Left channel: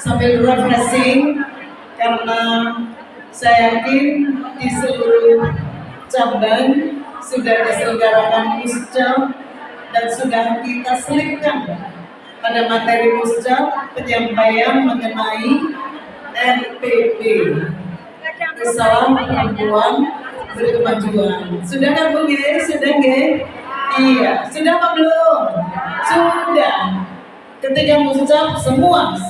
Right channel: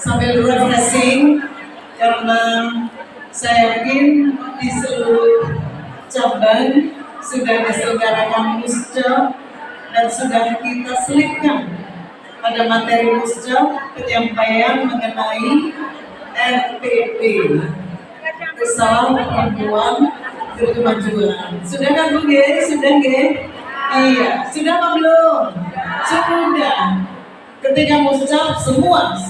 sambil refreshing karena saya yakin di seluruh cabang sudah diselenggarakan muscap dan sudah kita selipkan pada materi muscap penyampaian mengenai RPP, Risalah Perempuan Berkemajuan. Sudah kan Bu G? Sudah G? Iya, sudah apa belum? Sudah. Ketika muscap semua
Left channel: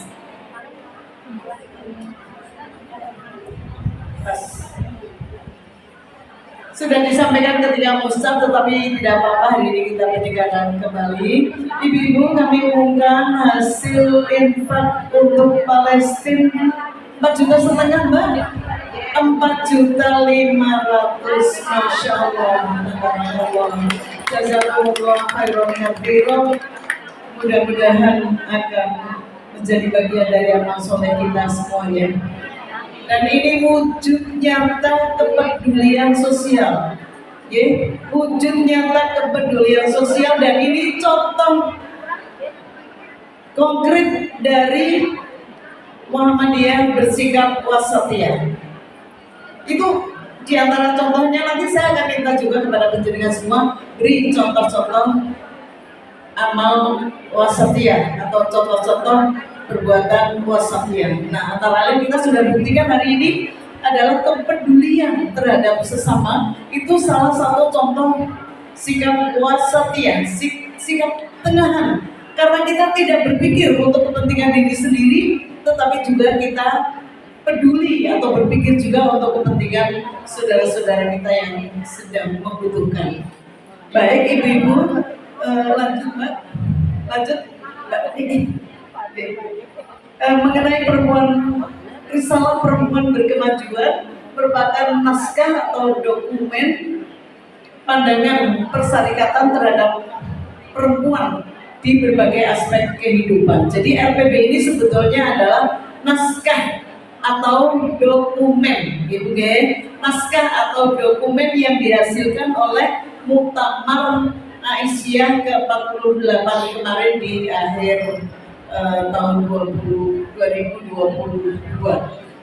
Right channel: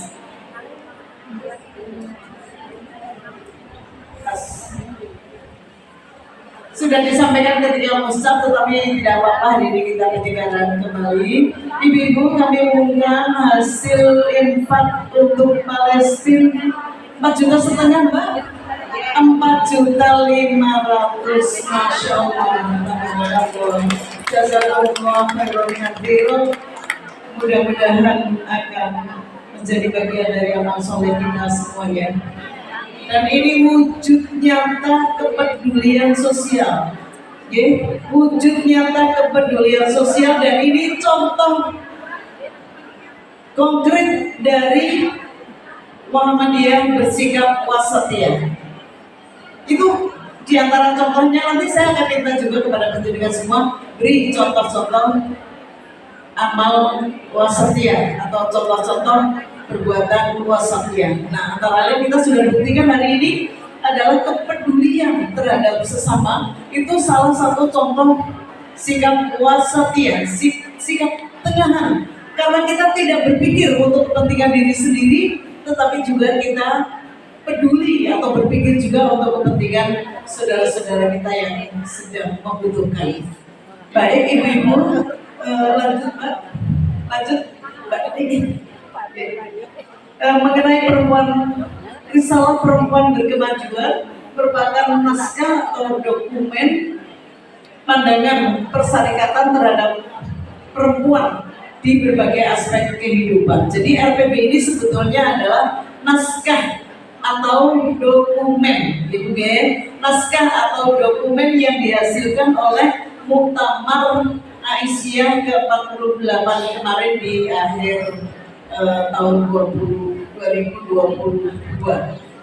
sudah disampaikan ketika muscap, tetapi tidak apa-apa, hari ini kita ketinggalan kembali. Ibu-ibu, kami umumkan hasil infak untuk Palestina 4,5 juta Mbak. 4.500.000, Masya Allah. Jazakumullah khairan katsiran. Mudah-mudahan akan menjadi bagian dari amal soleh kita semua ya. Dan ini wujud nyata kepedulian sosial, ya, wujud nyata kepedulian sosial, dan ini contoh konkret dari Muhammadiyah bersikap wasatiyah. Itu diantara contohnya. Nanti saya akan minta juga kepada penjaringan semua beri contoh-contoh amal wasatiyah atau contoh-contoh perbuatan wasatiyah. Nah, antara lain kita sudah buktikan hari ini adalah kepedulian terhadap sesama. Itu salah satu contoh sikap wasatiyah, sikap tengahan. Karena kita tidak berpikir untuk kepentingan diri sendiri, tetapi juga kita peduli atau berpikir juga untuk kepentingan saudara-saudara kita yang sedang membutuhkan. Baik ibu-ibu, lanjut Mbak, lanjut Mbak ini. Mengenai Risalah Perempuan Berkemajuan merupakan naskah atau dokumen pandangan persyarikatan terhadap perempuan di berbagai aspek kehidupan. Jadi RPP ini sebetulnya adalah naskah atau dokumen, gitu ya. Naskah atau dokumen yang dihasilkan oleh Muktamar Aisyah ke-48 kemarin di akhir tahun 2022.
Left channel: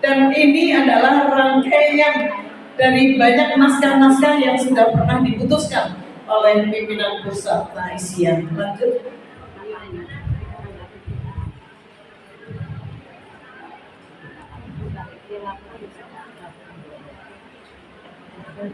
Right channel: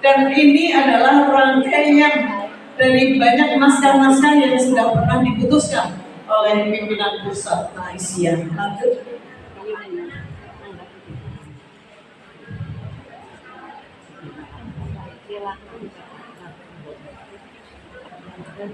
Dan ini adalah rangkaian dari banyak naskah-naskah yang sudah pernah diputuskan oleh pimpinan pusat Aisyah. Lanjut.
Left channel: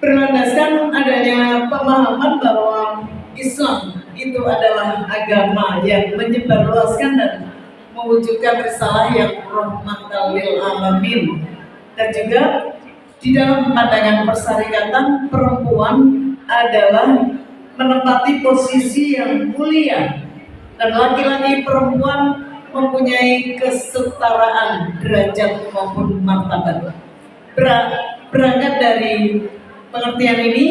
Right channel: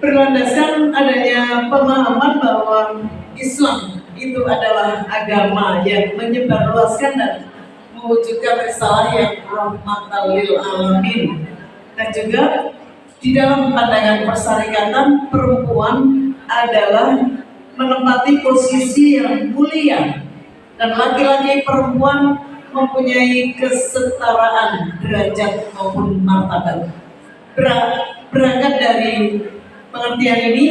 Berlandaskan adanya pemahaman bahwa Islam itu adalah agama yang menyebarluaskan dan mewujudkan risalah yang rahmatan lil alamin, dan juga di dalam pandangan persyarikatan perempuan adalah menempati posisi yang mulia dan laki-laki perempuan mempunyai kesetaraan derajat maupun martabat. Berangkat dari pengertian ini,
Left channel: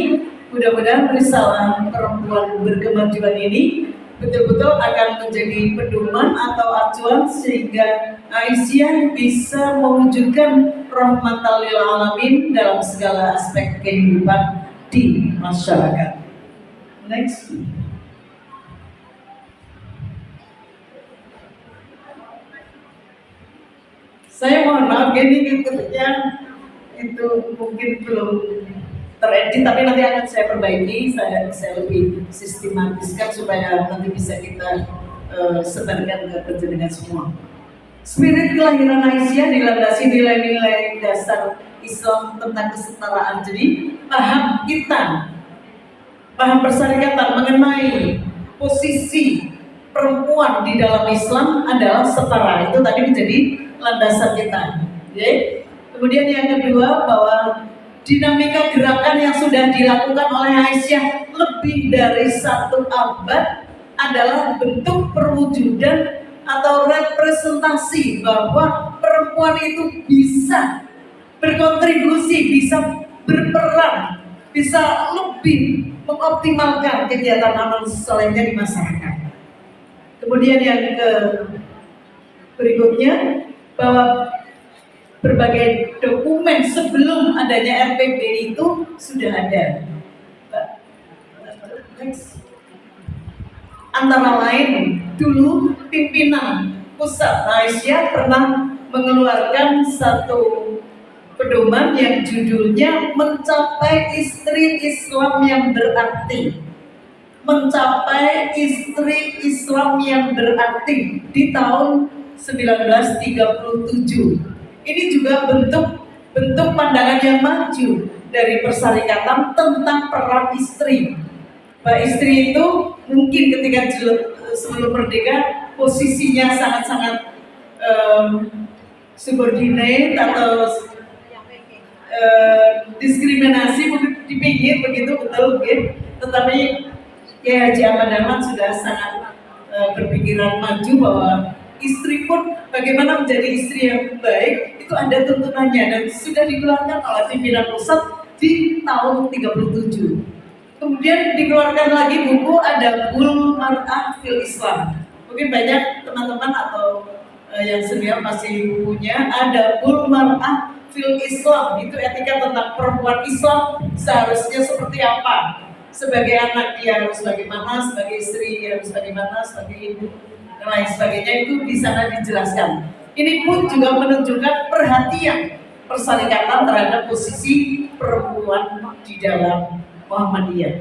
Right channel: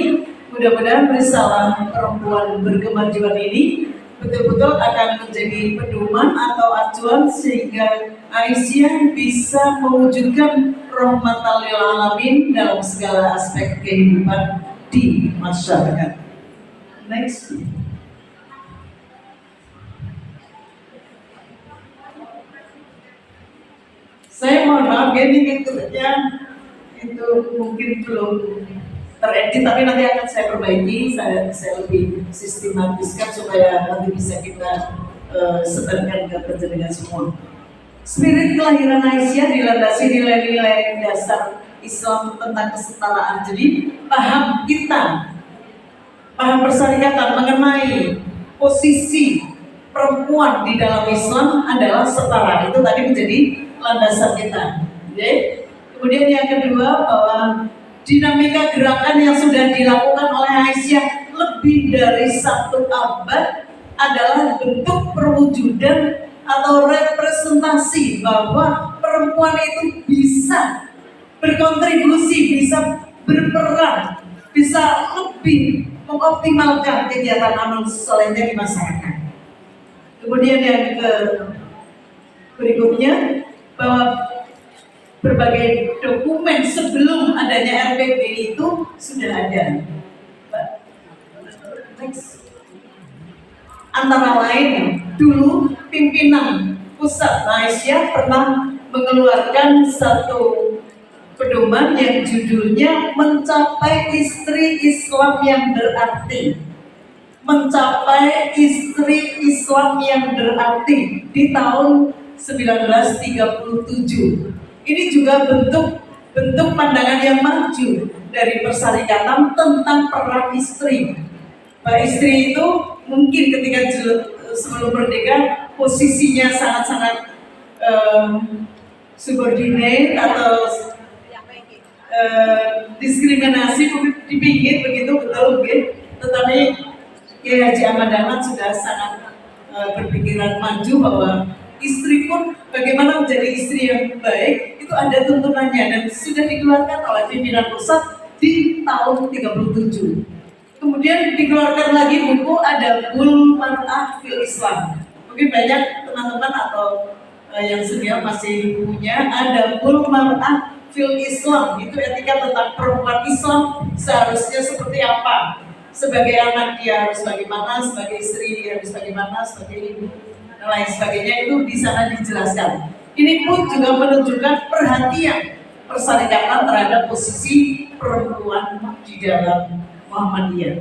mudah-mudahan risalah Perempuan Berkemajuan ini betul-betul akan menjadi pedoman atau acuan sehingga Aisyah bisa mewujudkan rahmatan lil alamin dalam segala aspek kehidupan di masyarakat. Next. Saya mohon maaf, ini tiketnya itu mungkin belum teredit, tapi nanti akan saya perbaiki, saya lebih sistematiskan supaya nanti bisa kita sebarkan ke penjaringan semua. Spirit kelahiran Aisyah dilandasi nilai-nilai dasar Islam tentang kesetaraan. Jadi paham kita, paham persyarikatan mengenai posisi perempuan di dalam Islam adalah setara. Itu tadi menjadi landasan kita. Okay? Kemudian yang kedua, bahwa dinamika gerakan yang sudah dilakukan oleh Aisyah lebih dari 1 abad adalah bentuk perwujudan atau representasi bahwa perempuan itu bisa berkontribusi, bisa berperan, bisa lebih mengoptimalkan kegiatan amal solehnya di masyarakat. Kemudian yang berikutnya, bahwa berbagai dokumen sebelum adanya RPP itu sudah ada. Antara lain, dulu pimpinan pusat Aisyah pernah mengeluarkan satu pedoman yang judulnya mencapai istri Islam yang berarti. Mencapai istri Islam yang berarti di tahun 1937. Ini juga bentuk pandangan yang maju dari Perserikatan tentang peran istri. Bahwa istri itu mungkin ketika sebelum merdeka posisinya sangat-sangat subordinate atau diskriminasi di pinggir begitu, betul gitu. Tetapi Kiai Haji Ahmad Dahlan sudah sangat berpikiran maju bahwa istri pun bagaimana menjadi istri yang baik itu ada tuntunannya dan sudah dikeluarkan oleh pimpinan pusat di tahun 37. Kemudian dikeluarkan lagi buku Adabul Mar'ah fil Islam. Mungkin banyak teman-teman atau yang senior masih punya Adabul Mar'ah fil Islam. Itu etika tentang perempuan Islam seharusnya seperti apa. Sebagai anak dia harus bagaimana, sebagai istri dia harus bagaimana, sebagai ibu dan lain sebagainya, itu di sana dijelaskan. Ini pun juga menunjukkan perhatian Perserikatan terhadap posisi perempuan di dalam Muhammadiyah.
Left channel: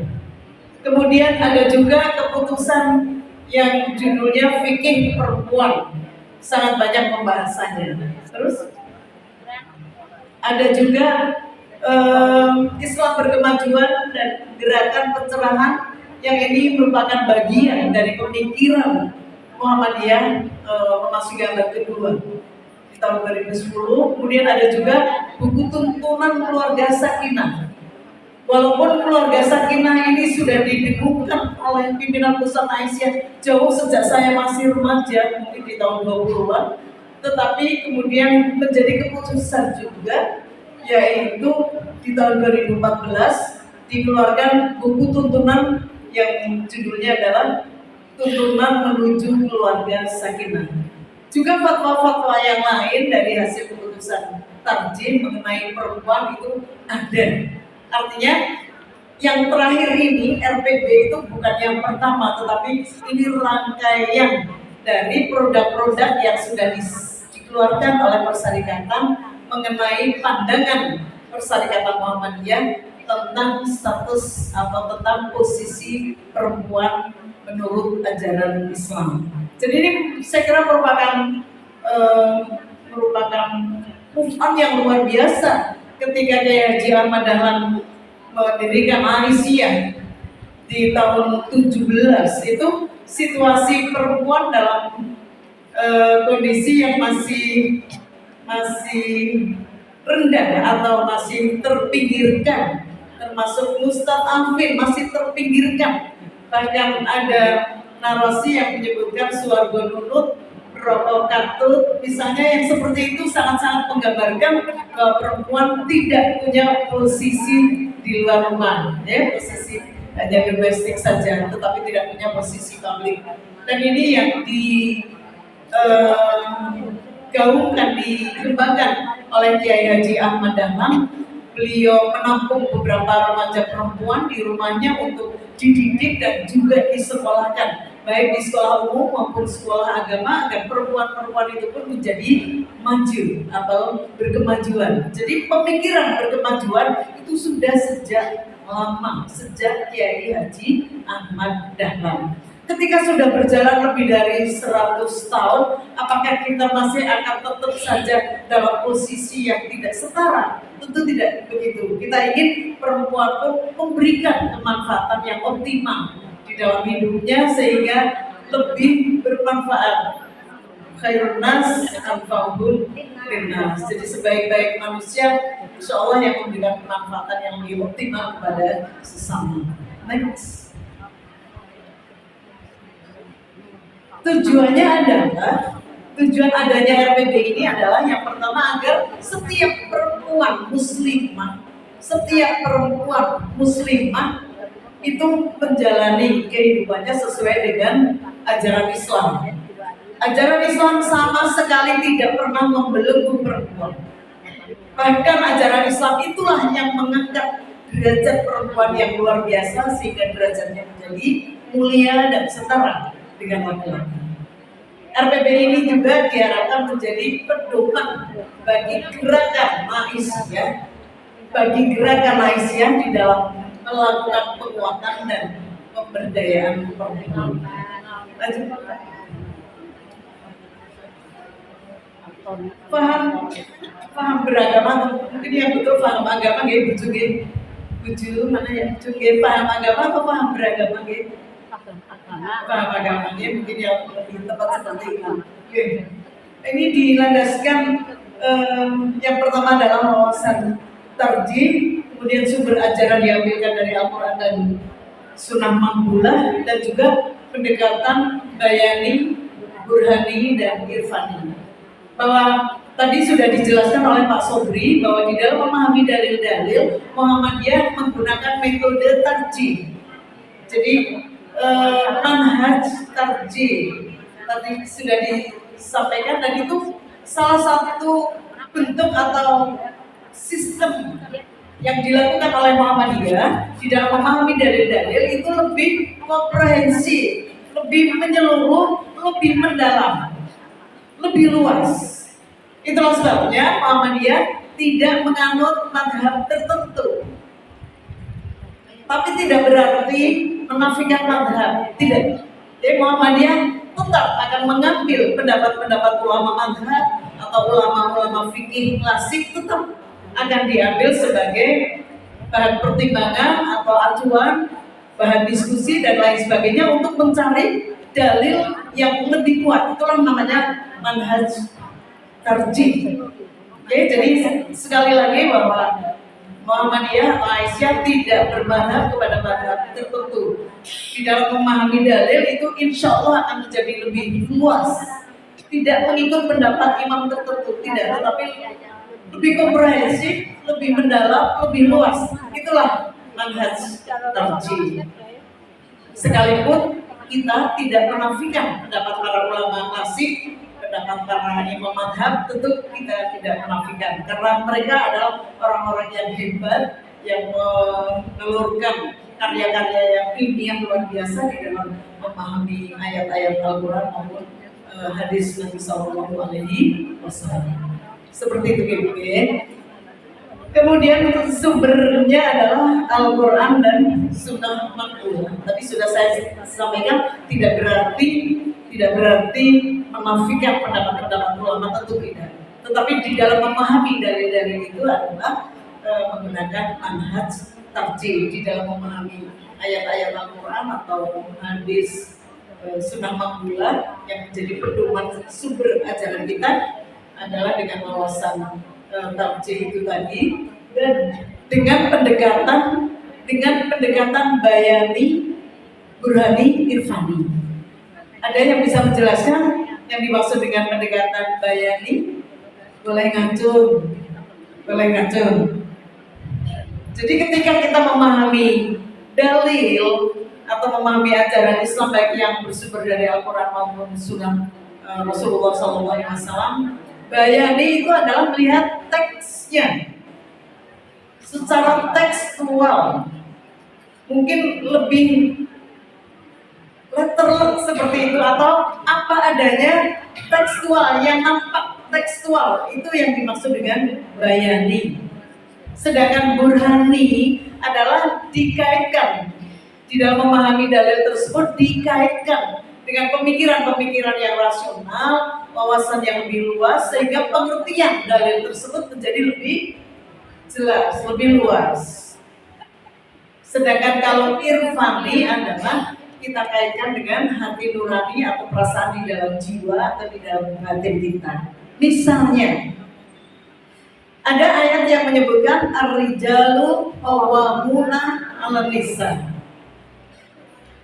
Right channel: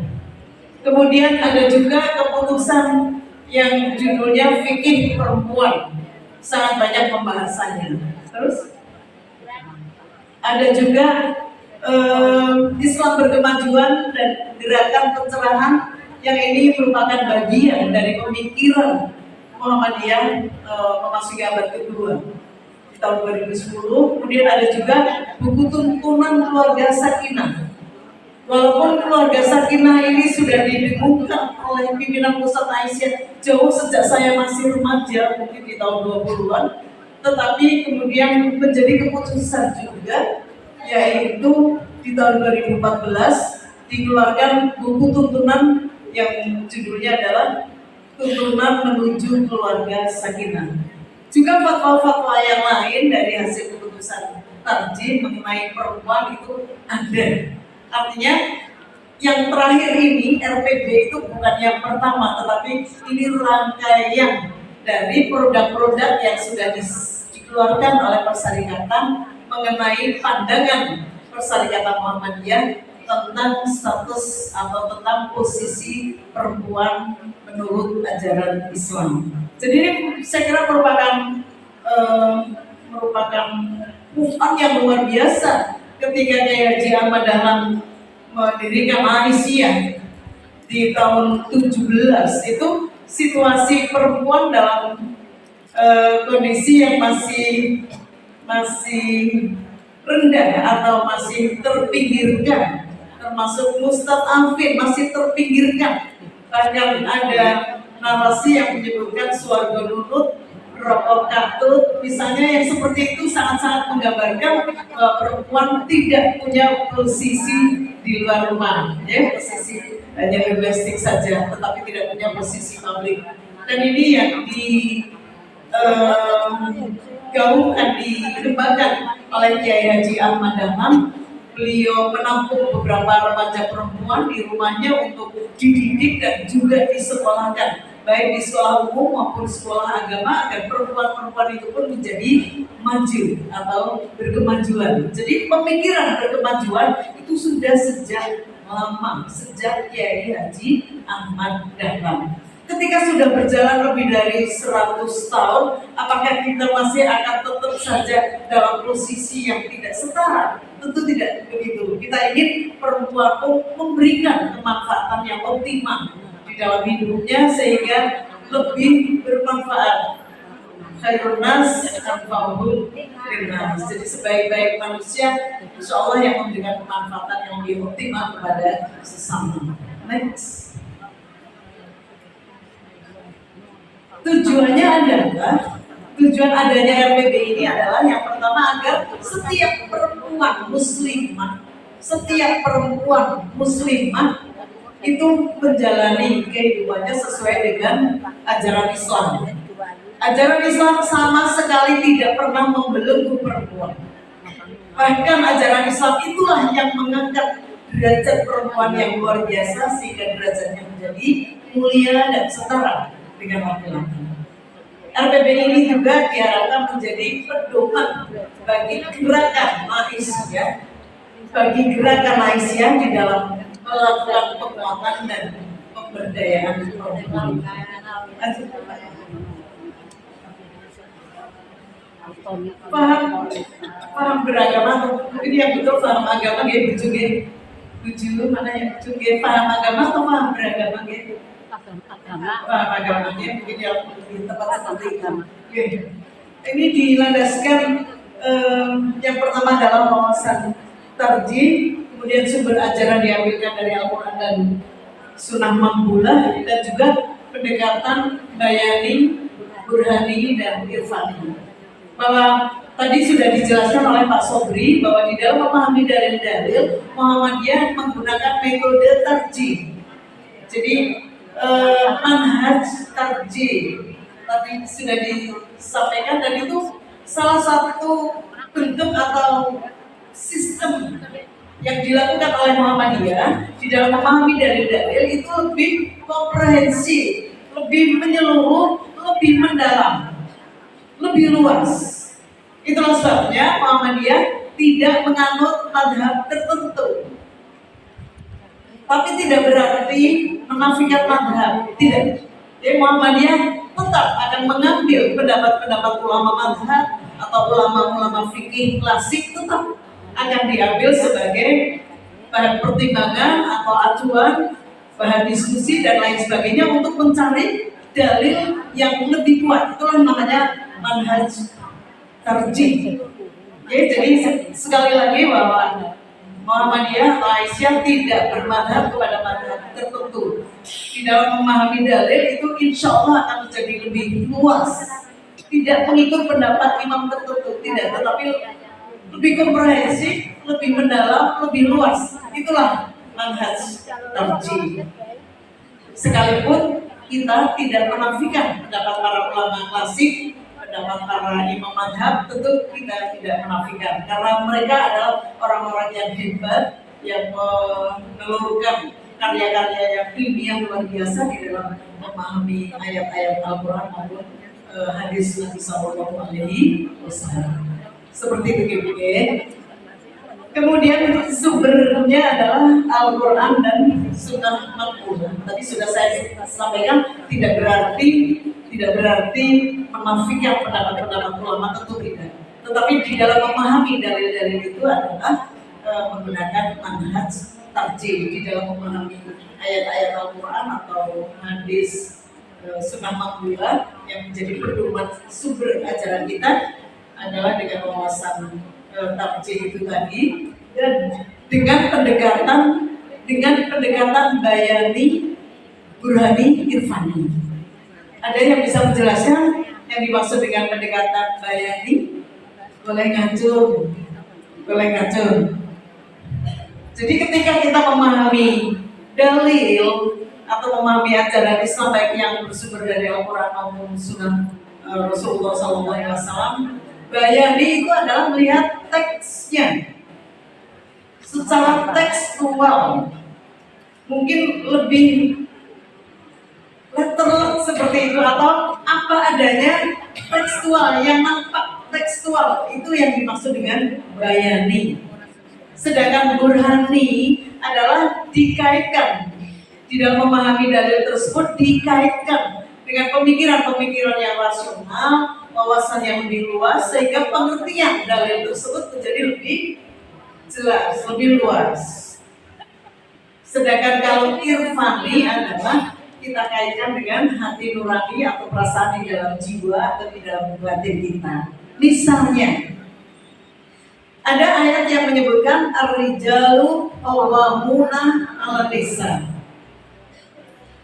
Kemudian ada juga keputusan yang judulnya Fikih Perempuan, sangat banyak pembahasannya. Terus ada juga Islam berkemajuan dan gerakan pencerahan yang ini merupakan bagian dari pemikiran Muhammadiyah memasuki abad kedua di tahun 2010. Kemudian ada juga buku tuntunan keluarga sakinah. Walaupun keluarga sakinah ini sudah didengungkan oleh pimpinan pusat Aisyah jauh sejak saya masih remaja, mungkin di tahun 20-an, tetapi kemudian menjadi keputusan juga, yaitu di tahun 2014 dikeluarkan buku tuntunan yang judulnya adalah Tuntunan Menuju Keluarga Sakinah. Juga fatwa-fatwa yang lain dari hasil keputusan tarjih mengenai perempuan itu ada. Artinya yang terakhir ini RPB itu bukan yang pertama, tetapi ini rangkaian dari produk-produk yang sudah dikeluarkan oleh Perserikatan mengenai pandangan Perserikatan Muhammadiyah tentang status atau tentang posisi perempuan menurut ajaran Islam. Jadi ini saya kira merupakan move on yang luar biasa ketika Kiai Haji Ahmad Dahlan mendirikan Aisyah di tahun 17. Itu situasi perempuan dalam kondisi yang masih rendah atau masih terpinggirkan, termasuk mustad'afin masih terpinggirkan. Bahkan ada narasi yang menyebutkan suarga nunut, rokok katut, misalnya, yang seperti itu sangat-sangat menggambarkan bahwa perempuan tidak punya posisi di luar rumah, ya, posisi hanya domestik saja, tetapi tidak punya posisi publik. Dan ini yang digaungkan, dikembangkan oleh Kiai Haji Ahmad Dahlan. Beliau menampung beberapa remaja perempuan di rumahnya untuk dididik dan juga disekolahkan, baik di sekolah umum maupun sekolah agama, agar perempuan-perempuan itu pun menjadi maju atau berkemajuan. Jadi pemikiran berkemajuan itu sudah sejak lama, sejak Kiai Haji Ahmad Dahlan. Ketika sudah berjalan lebih dari 100 tahun, apakah kita masih akan tetap saja dalam posisi yang tidak setara? Tentu tidak begitu. Kita ingin perempuan pun memberikan kemanfaatan yang optimal di dalam hidupnya sehingga lebih bermanfaat. Khairun nas anfa'uhum linnas. Jadi sebaik-baik manusia, insya Allah yang memberikan kemanfaatan yang lebih optimal kepada sesama. Next. Tujuan adanya RPB ini adalah yang pertama agar setiap perempuan muslimah itu menjalani kehidupannya sesuai dengan ajaran Islam. Ajaran Islam sama sekali tidak pernah membelenggu perempuan. Bahkan ajaran Islam itulah yang mengangkat derajat perempuan yang luar biasa sehingga derajatnya menjadi mulia dan setara dengan laki-laki. RPB ini juga diharapkan menjadi pedoman bagi gerakan Malaysia, di dalam melakukan penguatan dan pemberdayaan perempuan. Paham beragama, mungkin yang betul paham agama gitu, buju mana ya, buju paham agama atau paham beragama gitu? Paham agama gitu, mungkin yang lebih tepat seperti itu. Ini dilandaskan yang pertama adalah wawasan tarjih, kemudian sumber ajaran diambilkan dari Al-Quran dan Sunnah Maqbulah, dan juga pendekatan bayani, burhani, dan irfani. Bahwa tadi sudah dijelaskan oleh Pak Sobri bahwa di dalam memahami dalil-dalil, Muhammadiyah menggunakan metode tarjih. Jadi manhaj tarjih tadi sudah disampaikan, dan itu salah satu bentuk atau sistem yang dilakukan oleh Muhammadiyah di dalam memahami dalil-dalil itu lebih komprehensif, lebih menyeluruh, lebih mendalam, lebih luas. Itulah sebabnya Muhammadiyah tidak menganut madhab tertentu, tapi tidak berarti menafikan madhab, tidak. Jadi Muhammadiyah tetap akan mengambil pendapat-pendapat ulama madhab atau ulama-ulama fikih klasik, tetap akan diambil sebagai bahan pertimbangan atau acuan, bahan diskusi dan lain sebagainya untuk mencari dalil yang lebih kuat. Itulah namanya manhaj tarjih. Oke, jadi sekali lagi bahwa Muhammadiyah Malaysia tidak bermadhab kepada madhab tertentu. Di dalam memahami dalil itu insya Allah akan menjadi lebih luas. Tidak mengikut pendapat imam tertentu, tidak, tetapi lebih komprehensif, lebih mendalam, lebih luas. Itulah manhaj tarjih. Sekalipun kita tidak menafikan pendapat para ulama klasik, pendapat para imam madhab, tentu kita tidak menafikan, karena mereka adalah orang-orang yang hebat, yang menelurkan karya-karya yang ilmiah luar biasa di dalam memahami ayat-ayat Al-Quran maupun hadis Nabi Sallallahu Alaihi Wasallam. Seperti itu GBG. Kemudian sumbernya adalah Al-Quran dan Sunnah Maqbulah. Tadi sudah saya sampaikan, tidak berarti menafikan pendapat-pendapat ulama, tentu tidak. Tetapi di dalam memahami dalil-dalil itu adalah menggunakan manhaj tarjih di dalam memahami ayat-ayat Al-Quran atau hadis Sunnah Maqbulah yang menjadi pedoman sumber ajaran kita adalah dengan wawasan tarjih itu tadi, dan dengan pendekatan bayani, burhani, irfani. Ada yang bisa menjelaskan yang dimaksud dengan pendekatan bayani? Boleh ngacung. Jadi ketika kita memahami dalil atau memahami ajaran Islam baik yang bersumber dari Al-Quran maupun Sunnah Rasulullah SAW, bayani itu adalah melihat teksnya secara tekstual, mungkin lebih letterlet seperti itu, atau apa adanya tekstual, yang nampak tekstual, itu yang dimaksud dengan bayani. Sedangkan burhani adalah dikaitkan, di dalam memahami dalil tersebut dikaitkan dengan pemikiran-pemikiran yang rasional, wawasan yang lebih luas, sehingga pengertian dalil tersebut menjadi lebih jelas, lebih luas. Sedangkan kalau irfani adalah kita kaitkan dengan hati nurani atau perasaan di dalam jiwa atau di dalam batin kita. Misalnya, ada ayat yang menyebutkan ar-rijalu qawwamuna 'alan nisa.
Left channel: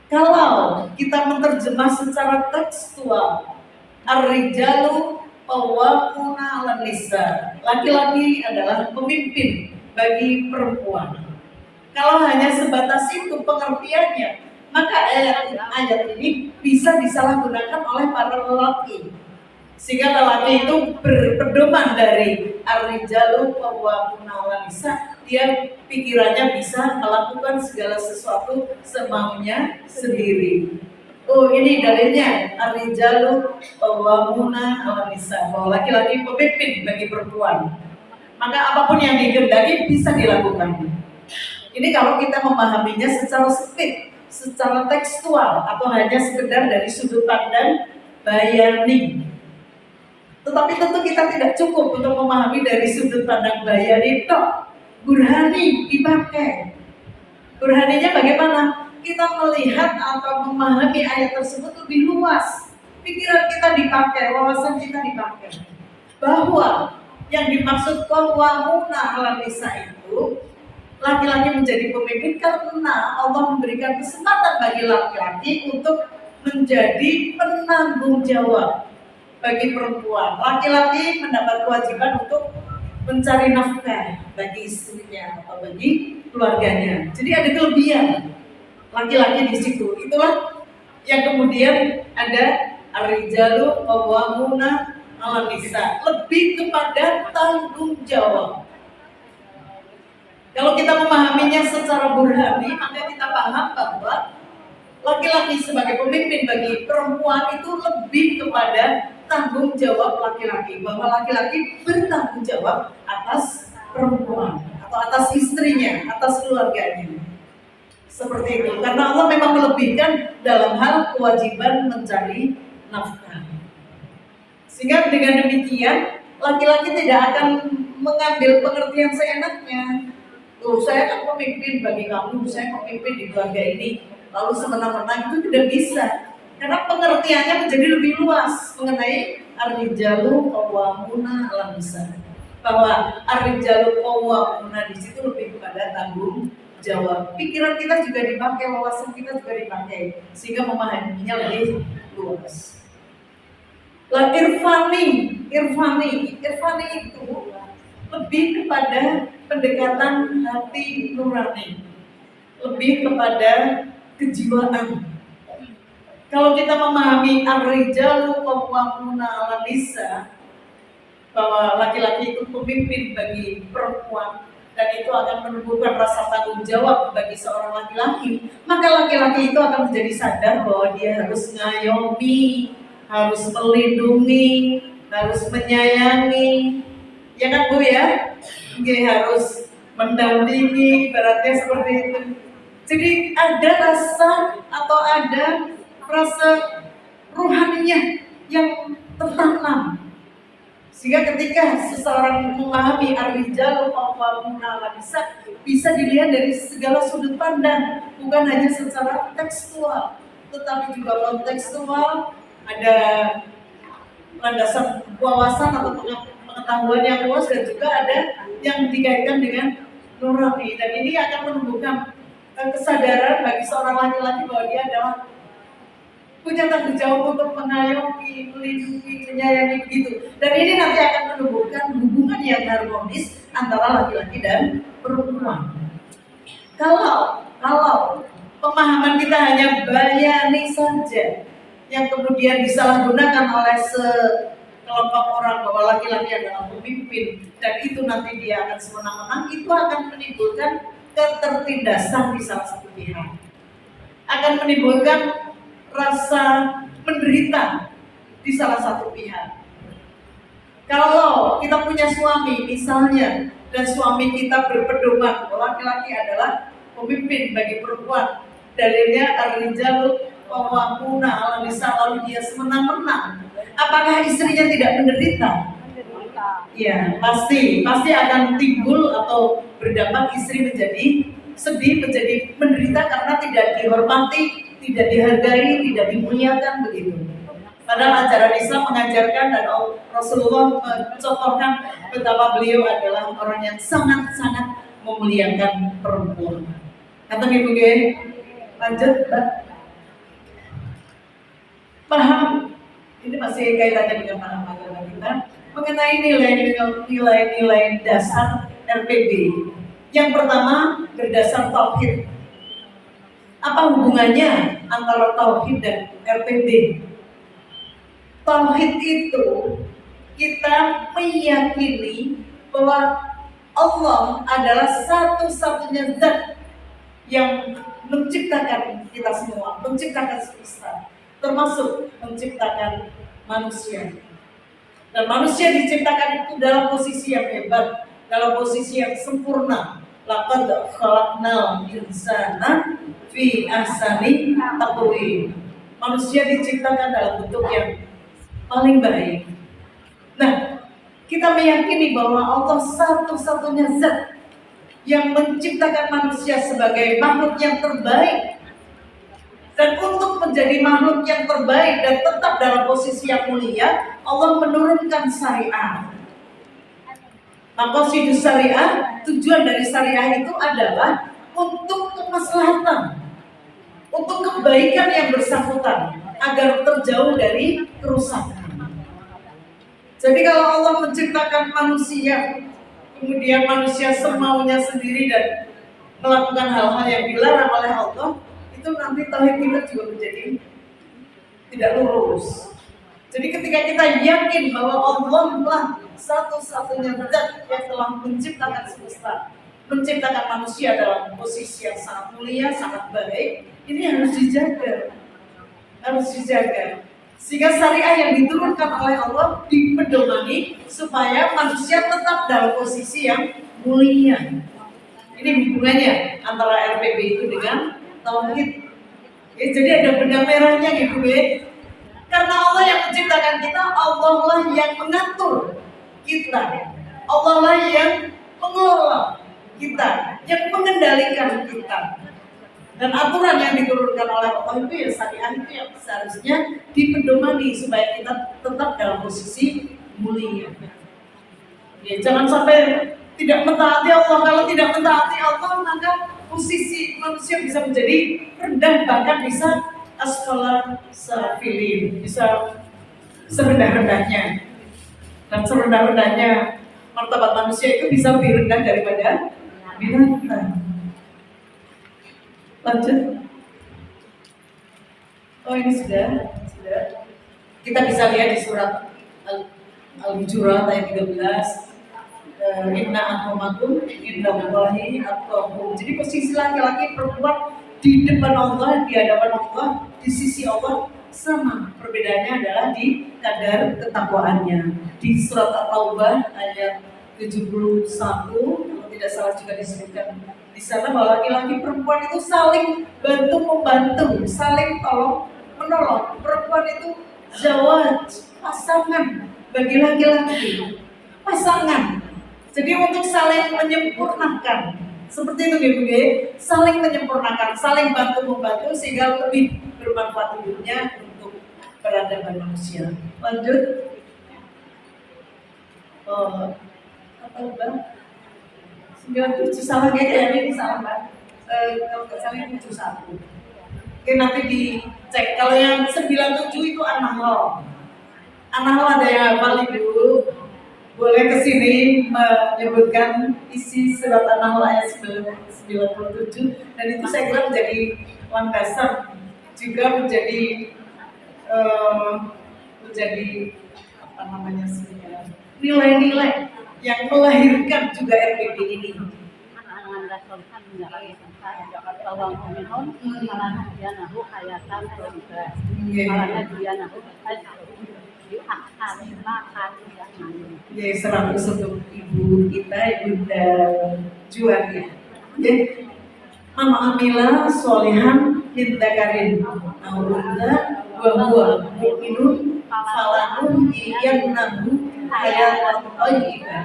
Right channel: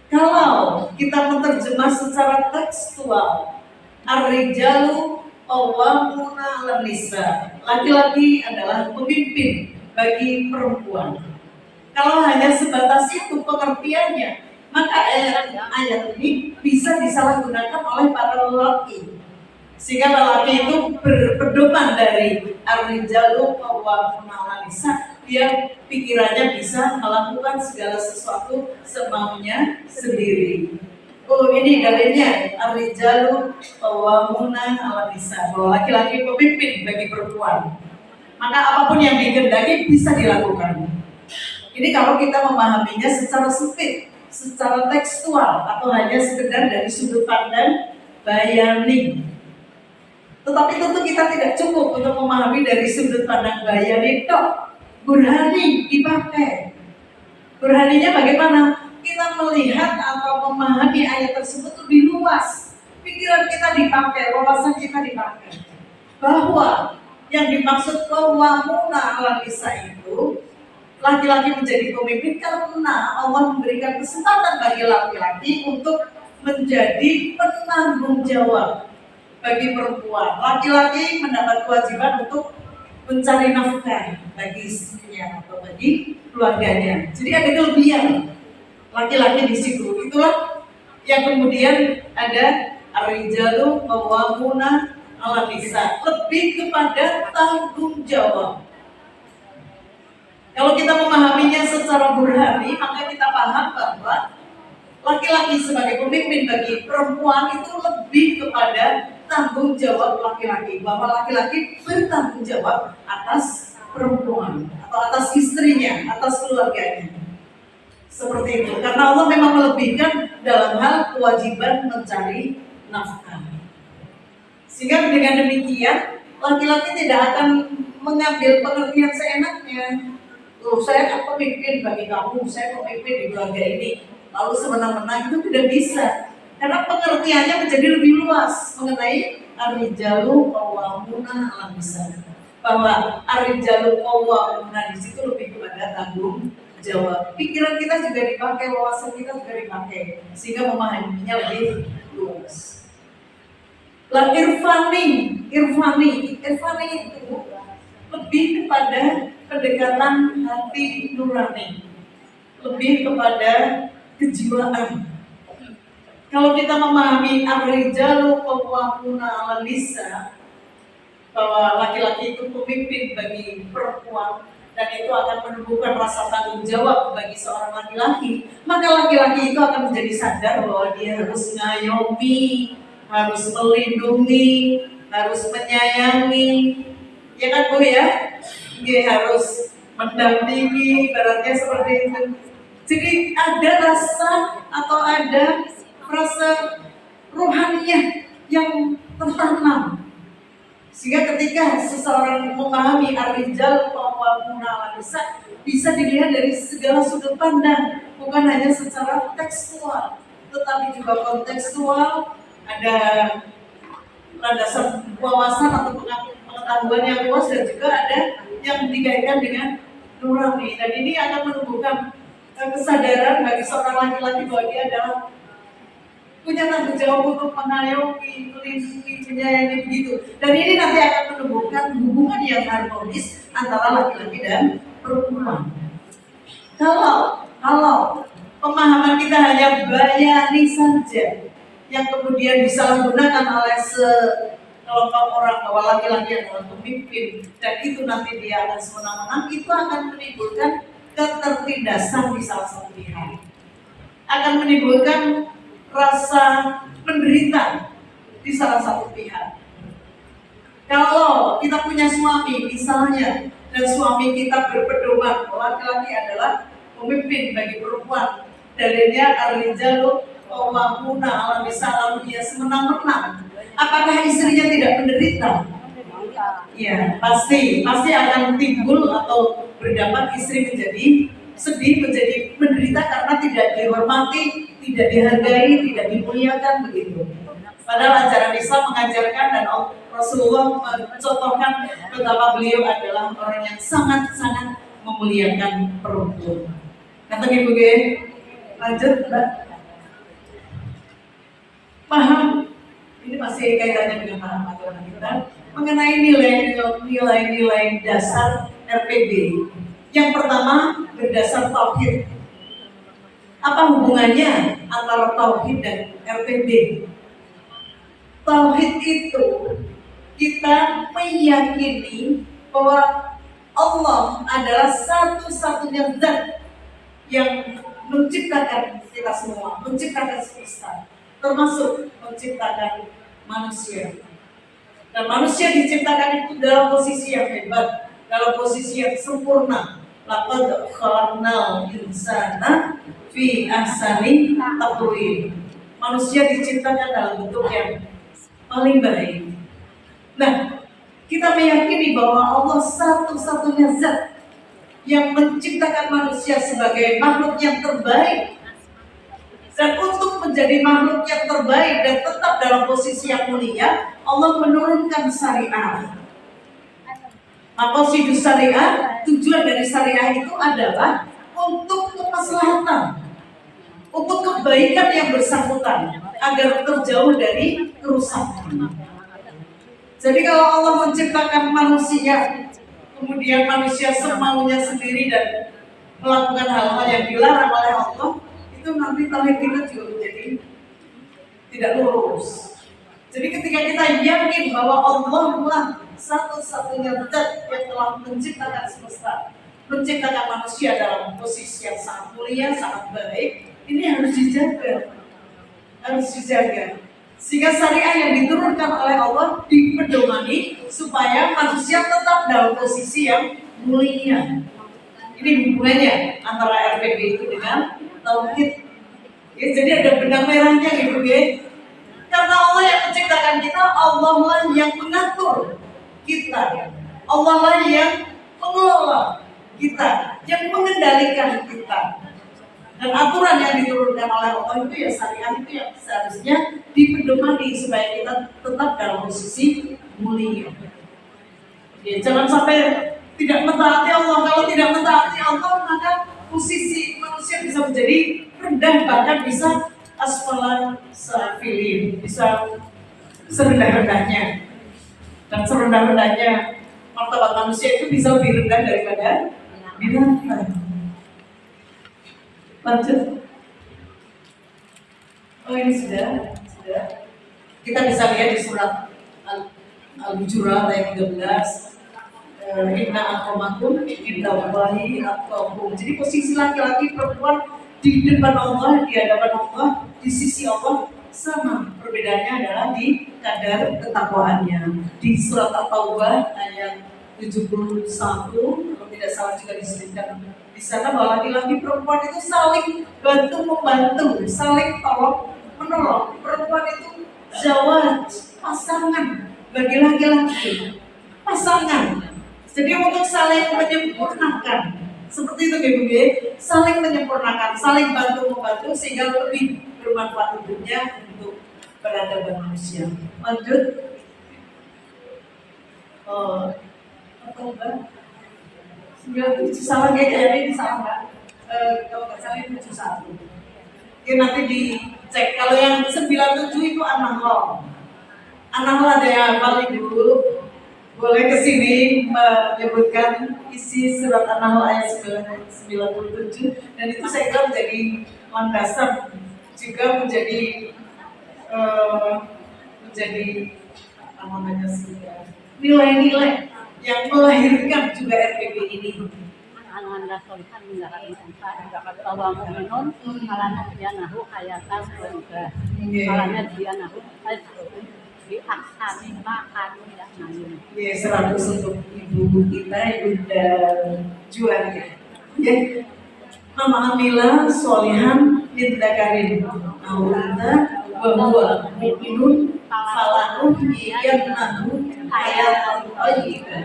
Kalau kita menerjemah secara tekstual, ar-rijalu qawwamuna 'alan nisa, laki-laki adalah pemimpin bagi perempuan. Kalau hanya sebatas itu pengertiannya, maka ayat ini bisa disalahgunakan oleh para lelaki, sehingga lelaki itu berpedoman dari ar-rijalu qawwamuna 'alan nisa, dia pikirannya bisa melakukan segala sesuatu semaunya sendiri. Oh ini dalilnya ar-rijalu qawwamuna 'alan nisa, bahwa laki-laki pemimpin bagi perempuan. Maka apapun yang dikehendaki bisa dilakukan. Ini kalau kita memahaminya secara sempit, secara tekstual, atau hanya sekedar dari sudut pandang bayani. Tetapi tentu kita tidak cukup untuk memahami dari sudut pandang bayani toh. Burhani dipakai. Burhaninya bagaimana? Kita melihat atau memahami ayat tersebut lebih luas. Pikiran kita dipakai, wawasan kita dipakai. Bahwa yang dimaksud qawwamuna 'alan nisa itu laki-laki menjadi pemimpin karena Allah memberikan kesempatan bagi laki-laki untuk menjadi penanggung jawab bagi perempuan. Laki-laki mendapat kewajiban untuk mencari nafkah bagi istrinya atau bagi keluarganya. Jadi ada kelebihan laki-laki di situ. Itulah yang kemudian ada ar-rijalu qawwamuna 'alan nisa, lebih kepada tanggung jawab. Kalau kita memahaminya secara burhani, maka kita paham bahwa laki-laki sebagai pemimpin bagi perempuan itu lebih kepada tanggung jawab laki-laki, bahwa laki-laki bertanggung jawab atas perempuan atau atas istrinya, atas keluarganya. Seperti itu, karena Allah memang melebihkan dalam hal kewajiban mencari nafkah. Sehingga dengan demikian laki-laki tidak akan mengambil pengertian seenaknya. Tuh, saya kan pemimpin bagi kamu, saya pemimpin di keluarga ini, lalu semena-mena, itu tidak bisa. Karena pengertiannya menjadi lebih luas mengenai ar-rijalu qawwamuna 'alan nisa. Bahwa ar-rijalu qawwamuna di situ lebih kepada tanggung jawab. Pikiran kita juga dipakai, wawasan kita juga dipakai, sehingga memahaminya lebih luas. Lah irfani itu lebih kepada pendekatan hati nurani, lebih kepada kejiwaan. Kalau kita memahami ar-rijalu qawwamuna 'alan nisa, bahwa laki-laki itu pemimpin bagi perempuan dan itu akan menumbuhkan rasa tanggung jawab bagi seorang laki-laki, maka laki-laki itu akan menjadi sadar bahwa dia harus ngayomi, harus melindungi, harus menyayangi, ya kan Bu ya? Dia harus mendampingi, ibaratnya seperti itu. Jadi ada rasa atau ada rasa rohaninya yang tertanam. Sehingga ketika seseorang memahami ar-rijalu qawwamuna 'alan nisa, bisa dilihat dari segala sudut pandang, bukan hanya secara tekstual, tetapi juga kontekstual, ada landasan wawasan atau pengetahuan yang luas, dan juga ada yang dikaitkan dengan nurani. Dan ini akan menumbuhkan kesadaran bagi seorang laki-laki bahwa dia adalah punya tanggung jawab untuk mengayomi, melindungi, menyayangi begitu. Dan ini nanti akan menumbuhkan hubungan yang harmonis antara laki-laki dan perempuan. Kalau pemahaman kita hanya bayani saja, yang kemudian disalahgunakan oleh sekelompok orang bahwa laki-laki adalah pemimpin dan itu nanti dia akan semenang-menang, itu akan menimbulkan ketertindasan di salah satu pihak, akan menimbulkan rasa menderita di salah satu pihak. Kalau kita punya suami misalnya, dan suami kita berpedoman bahwa laki-laki adalah pemimpin bagi perempuan, dalilnya ar-rijalu qawwamuna 'alan nisa, lalu dia semenang-menang, apakah istrinya tidak menderita? Ya, pasti akan timbul atau berdampak istri menjadi sedih, menjadi menderita karena tidak dihormati, tidak dihargai, tidak dimuliakan begitu. Padahal ajaran Islam mengajarkan dan Rasulullah mencontohkan betapa beliau adalah orang yang sangat-sangat memuliakan perempuan. Kata Ibu Ge, lanjut Mbak. Paham? Ini masih kaitannya dengan paham agama kita mengenai nilai-nilai dasar RPB. Yang pertama berdasar tauhid. Apa hubungannya antara tauhid dan RPB? Tauhid itu kita meyakini bahwa Allah adalah satu-satunya zat yang menciptakan kita semua, menciptakan semesta. termasuk menciptakan manusia. Dan manusia diciptakan itu dalam posisi yang hebat, dalam posisi yang sempurna. Laqad khalaqnal insana fi ahsani taqwim. Manusia diciptakan dalam bentuk yang paling baik. Nah, kita meyakini bahwa Allah satu-satunya zat yang menciptakan manusia sebagai makhluk yang terbaik. Dan untuk menjadi makhluk yang terbaik dan tetap dalam posisi yang mulia, Allah menurunkan syariat. Maqasidus syariah, tujuan dari syariah itu adalah untuk kemaslahatan, untuk kebaikan yang bersangkutan, agar terjauh dari kerusakan. Jadi kalau Allah menciptakan manusia, kemudian manusia semaunya sendiri dan melakukan hal-hal yang dilarang oleh Allah, itu nanti tauhid kita juga menjadi tidak lurus. Jadi ketika kita yakin bahwa Allah lah satu-satunya zat yang telah menciptakan semesta, menciptakan manusia dalam posisi yang sangat mulia, sangat baik, ini harus dijaga. Sehingga syariah yang diturunkan oleh Allah dipedomani supaya manusia tetap dalam posisi yang mulia. Ini hubungannya antara RPB itu dengan tauhid. Ya, jadi ada benang merahnya gitu ya. Karena Allah yang menciptakan kita, Allah lah yang mengatur kita, Allah lah yang mengelola kita, yang mengendalikan kita. Dan aturan yang diturunkan oleh Allah itu ya syariah itu yang seharusnya dipedomani supaya kita tetap dalam posisi mulia. Ya, jangan sampai tidak mentaati Allah. Kalau tidak mentaati Allah, maka posisi manusia bisa menjadi rendah, bahkan bisa asfala safilin, bisa serendah-rendahnya. Dan serendah-rendahnya martabat manusia itu bisa lebih rendah daripada binatang. Lanjut. Oh ini sudah. Kita bisa lihat di surat Al-Hujurat ayat 13. Inna akramakum indallahi atqakum. Jadi posisi laki-laki perempuan di depan Allah, di hadapan Allah, di sisi Allah sama. Perbedaannya adalah di kadar ketakwaannya. Di surat At-Taubah ayat 71, kalau tidak salah juga disebutkan di sana bahwa laki-laki perempuan itu saling bantu membantu, saling tolong menolong. Perempuan itu zawaj, pasangan bagi laki-laki, pasangan. Jadi untuk saling menyempurnakan, seperti itu gitu ya, saling menyempurnakan, saling bantu membantu sehingga lebih bermanfaat hidupnya untuk peradaban manusia. Lanjut. Apa udah? 97 salah kayaknya ini salah nggak? Kalau nggak salah ini 71. Oke, nanti dicek. Kalau yang 97 itu An-Nahl. An-Nahl ada yang hafal Ibu? Boleh kesini menyebutkan isi surat An-Nahl ayat 97, dan itu saya kira menjadi landasan juga menjadi apa namanya nilai-nilai yang melahirkan juga RPP ini. Bahwa mu'minun malana dianahu hayatan juga malana dianahu di aksani makan ya 100 untuk ibu kita, Ibunda Juan ya. Man amila sholihan min dzakarin aw untha wa huwa mu'minun falanahyiyannahu hayatan thayyibah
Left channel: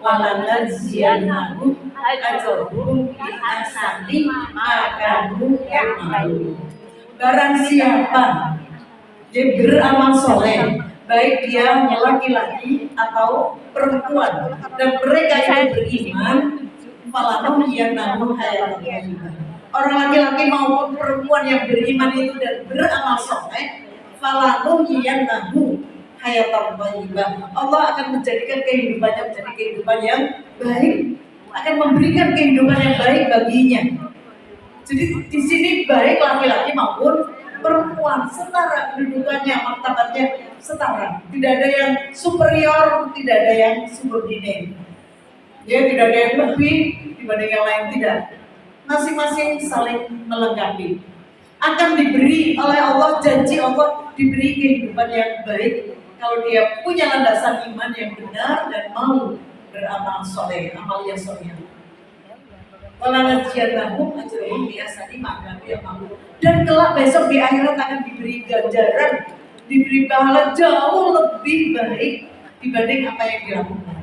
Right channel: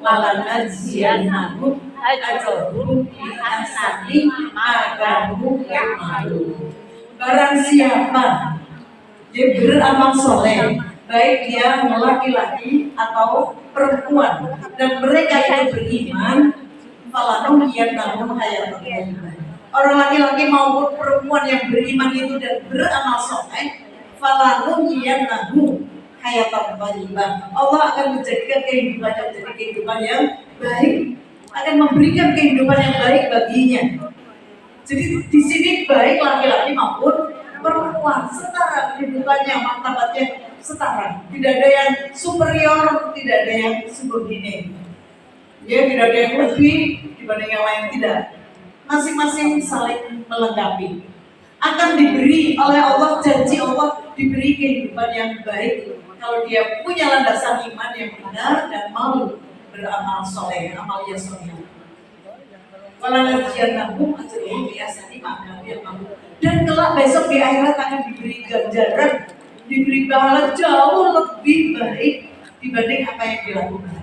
wa lanajziyannahum ajrahum bi ahsani ma kanu ya'malun. Barang siapa dia beramal soleh, baik dia laki-laki atau perempuan, dan mereka itu beriman, falanahyiyannahu hayatan thayyibah. Orang laki-laki maupun perempuan yang beriman itu dan beramal soleh, falanahyiyannahu hayatan thayyibah. Allah akan menjadikan kehidupannya menjadi kehidupan yang baik, akan memberikan kehidupan yang baik baginya. Jadi di sini baik laki-laki maupun perempuan setara kehidupannya, martabatnya setara. Tidak ada yang superior, tidak ada yang subordinate. Ya, tidak ada yang lebih dibanding yang lain, tidak. Masing-masing saling melengkapi. akan diberi oleh Allah, janji Allah diberi kehidupan yang baik kalau dia punya landasan iman yang benar dan mau beramal soleh, amal yang soleh. Walanajiyannahum ajrahum biahsani ma kanu ya'malun. Dan kelak besok di akhirat akan diberi ganjaran, diberi pahala jauh lebih baik dibanding apa yang dilakukan.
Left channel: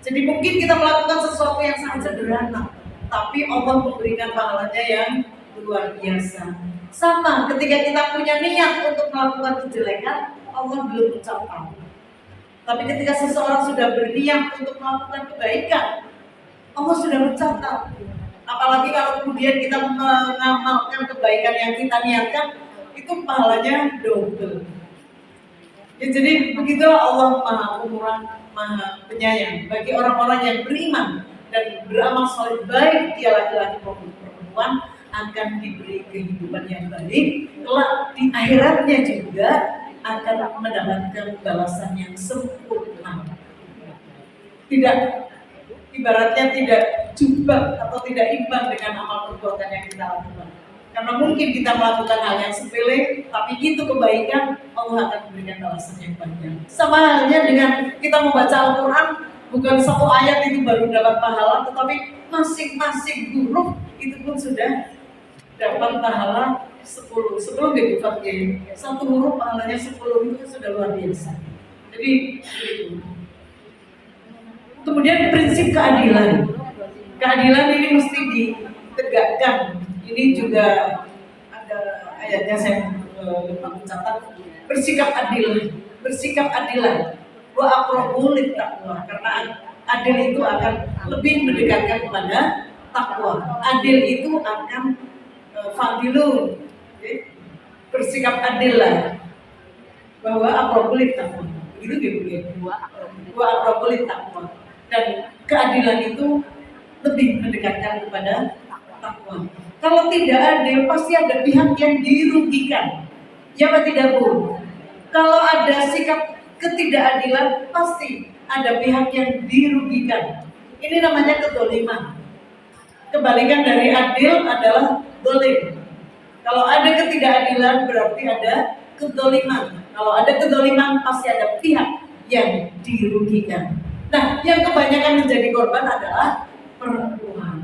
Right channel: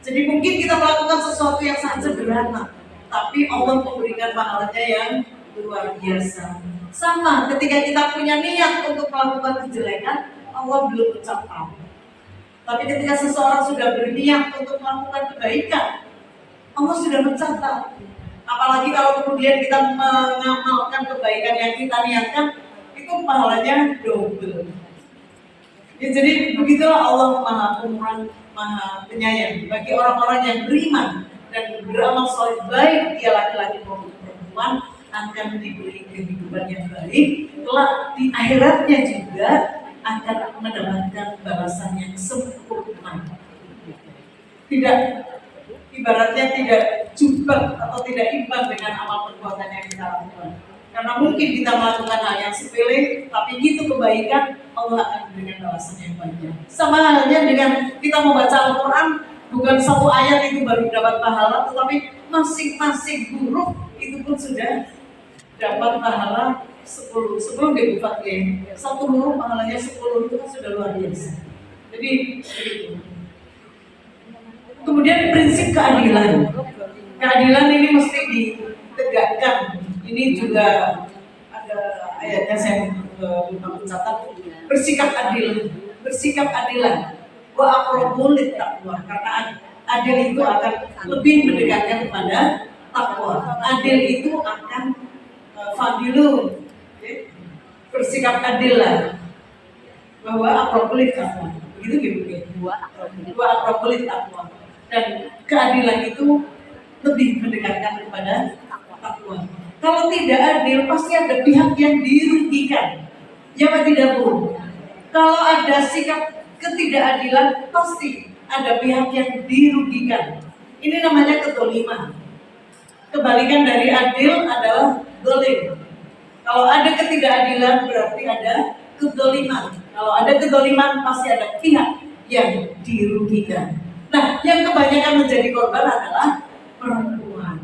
Jadi mungkin kita melakukan sesuatu yang sangat sederhana, tapi Allah memberikan pahalanya yang luar biasa. Sama ketika kita punya niat untuk melakukan kejelekan, Allah belum mencatat. Tapi ketika seseorang sudah berniat untuk melakukan kebaikan, Allah sudah mencatat. Apalagi kalau kemudian kita mengamalkan kebaikan yang kita niatkan, itu pahalanya double. Ya, jadi begitulah Allah Maha Pemurah, Maha Penyayang bagi orang-orang yang beriman dan beramal soleh, baik dia laki-laki maupun perempuan, akan diberi kehidupan yang baik. Kelak di akhiratnya juga akan mendapatkan balasan yang sempurna. Tidak, ibaratnya tidak jumpa atau tidak imbang dengan amal perbuatan yang kita lakukan. Karena mungkin kita melakukan hal yang sepele, tapi itu kebaikan, Allah akan memberikan balasan yang banyak. Sama halnya dengan kita membaca Al-Quran, bukan satu ayat itu baru dapat pahala, tetapi masing-masing huruf itu pun sudah dapat pahala 10 dibufatkan. Satu huruf pahalanya 10 itu kan sudah luar biasa. Jadi itu. Kemudian prinsip keadilan. Keadilan ini mesti ditegakkan. Ini juga ada ayatnya, saya lupa mencatat. Bersikap adil, bersikap adilan. Wa aqrabu lit-taqwa, karena adil itu akan lebih mendekatkan kepada takwa. Adil itu akan fadilun. Bersikap adil lah. Bahwa aqrabu lit-taqwa. Begitu gitu. Wa aqrabu lit-taqwa. Dan keadilan itu lebih mendekatkan kepada takwa. Kalau tidak adil, pasti ada pihak yang dirugikan. Ya tidak, Bu? Kalau ada sikap ketidakadilan, pasti ada pihak yang dirugikan. Ini namanya kedoliman. Kebalikan dari adil adalah dolim. Kalau ada ketidakadilan, berarti ada kedoliman. Kalau ada kedoliman, pasti ada pihak yang dirugikan. Nah, yang kebanyakan menjadi korban adalah perempuan.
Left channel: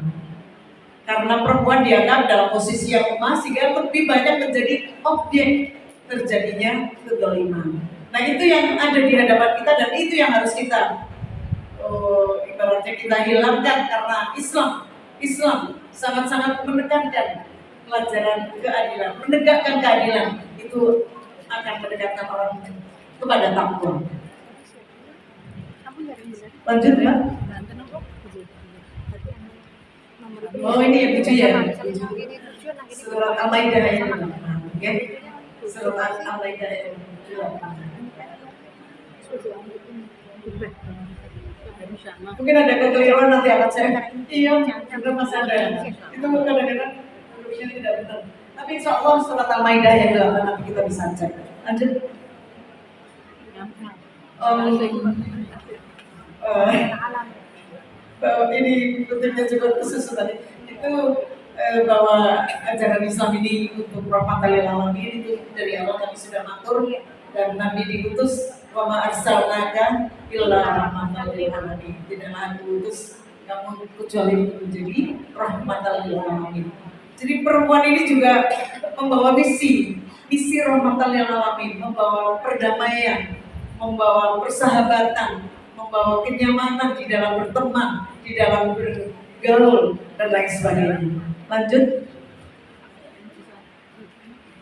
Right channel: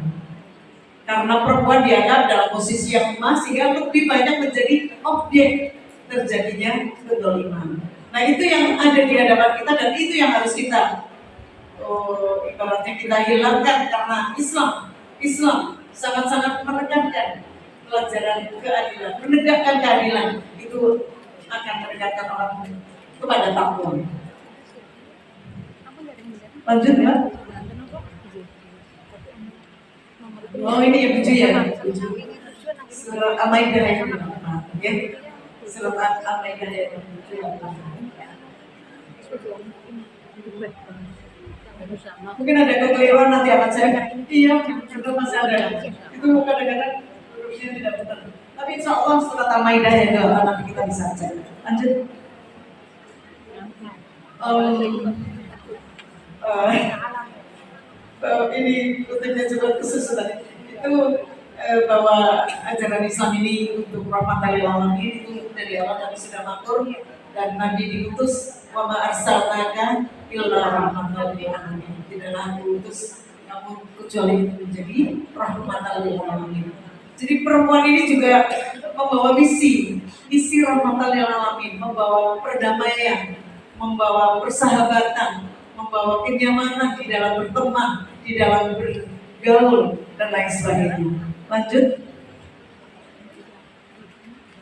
Karena perempuan dianggap dalam posisi yang lemah, sehingga lebih banyak menjadi objek terjadinya kedoliman. Nah, itu yang ada di hadapan kita, dan itu yang harus kita ibaratnya kita hilangkan. Karena Islam sangat-sangat menekankan pelajaran keadilan, menegakkan keadilan. Itu akan mendekatkan orang kepada takwa. Lanjut, Mbak. Oh, ini ya, Bu ya. Surat Al-Maidah ya. Oke. Surat Al-Maidah ya. Mungkin ada kekeliruan, nanti akan saya. Iya, sudah masih ada. Itu kadang-kadang tulisnya tidak benar. Tapi insya Allah surat Al-Maidah ya, nanti kita bisa cek. Lanjut. Ini kutipnya juga khusus tadi itu bahwa ajaran Islam ini untuk rahmatan lil alamin, itu dari Allah Nabi sudah matur, dan Nabi diutus wa ma arsalnaka illa rahmatan lil alamin. Tidaklah aku utus kamu kecuali menjadi rahmatan lil alamin. Jadi perempuan ini juga membawa misi rahmatan lil alamin, membawa perdamaian, membawa persahabatan, membawa kenyamanan di dalam berteman, di dalam bergaul, dan lain sebagainya. Lanjut.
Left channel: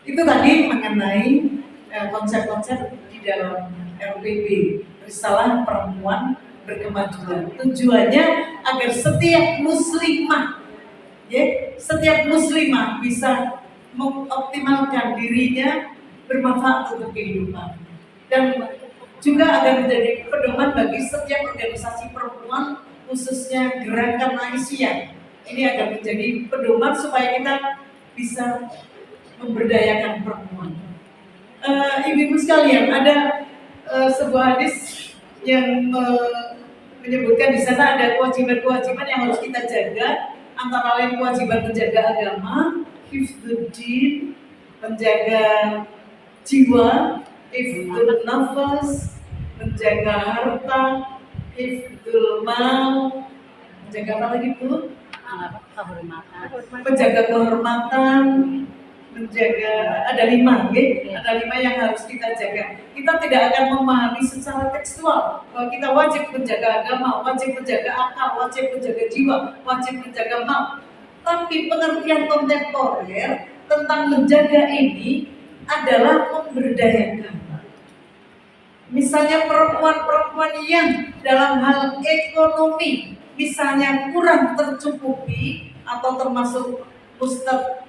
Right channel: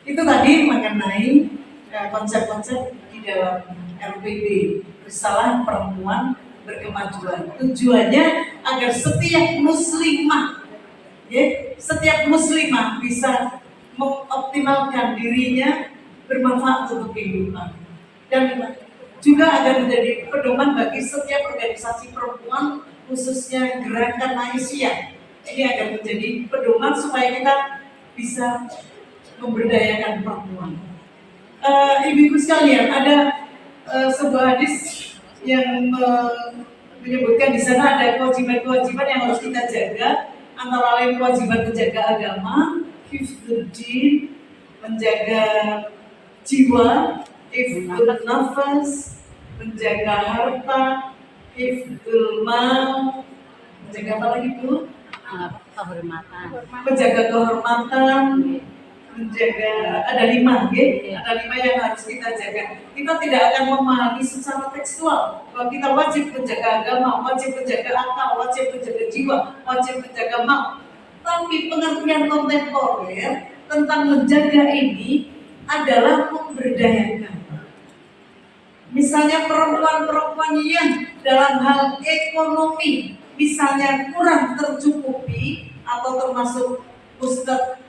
Itu tadi mengenai konsep-konsep di dalam RPB, Risalah Perempuan Berkemajuan. Tujuannya agar setiap muslimah, setiap muslimah bisa mengoptimalkan dirinya bermanfaat untuk kehidupan, dan juga agar menjadi pedoman bagi setiap organisasi perempuan, khususnya Gerakan Aisyah. Ini agar menjadi pedoman supaya kita bisa memberdayakan perempuan. Ibu-ibu sekalian, ada sebuah hadis yang menyebutkan di sana ada kewajiban-kewajiban yang harus kita jaga, antara lain kewajiban menjaga agama, hifdzuddin, menjaga jiwa, hifdzul nafas, menjaga harta, hifdzul mal, menjaga apa lagi Bu? Kehormatan. Menjaga kehormatan, menjaga ada 5, ya? Ada 5 yang harus kita jaga. Kita tidak akan memahami secara tekstual bahwa kita wajib menjaga agama, wajib menjaga akal, wajib menjaga jiwa, wajib menjaga mal. Tapi pengertian kontemporer tentang menjaga ini adalah memberdayakan. Misalnya perempuan-perempuan yang dalam hal ekonomi misalnya kurang tercukupi atau termasuk ustadz,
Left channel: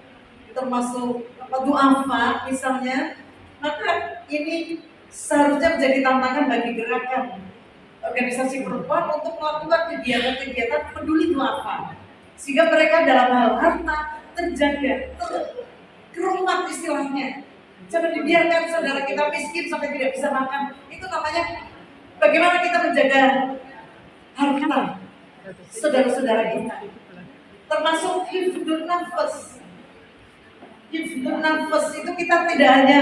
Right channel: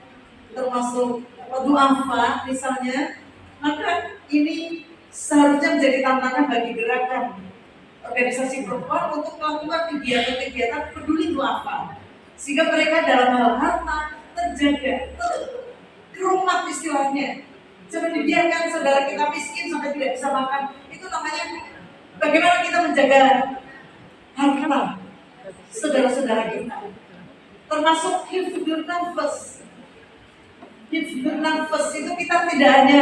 termasuk duafa misalnya, maka ini seharusnya menjadi tantangan bagi gerakan organisasi perempuan untuk melakukan kegiatan-kegiatan peduli duafa sehingga mereka dalam hal harta terjaga, terhormat istilahnya. Jangan dibiarkan saudara kita miskin sampai tidak bisa makan. Itu namanya bagaimana kita menjaga harta saudara-saudara kita. Termasuk hifdzul nafas. Hifdzul nafas itu kita tidak hanya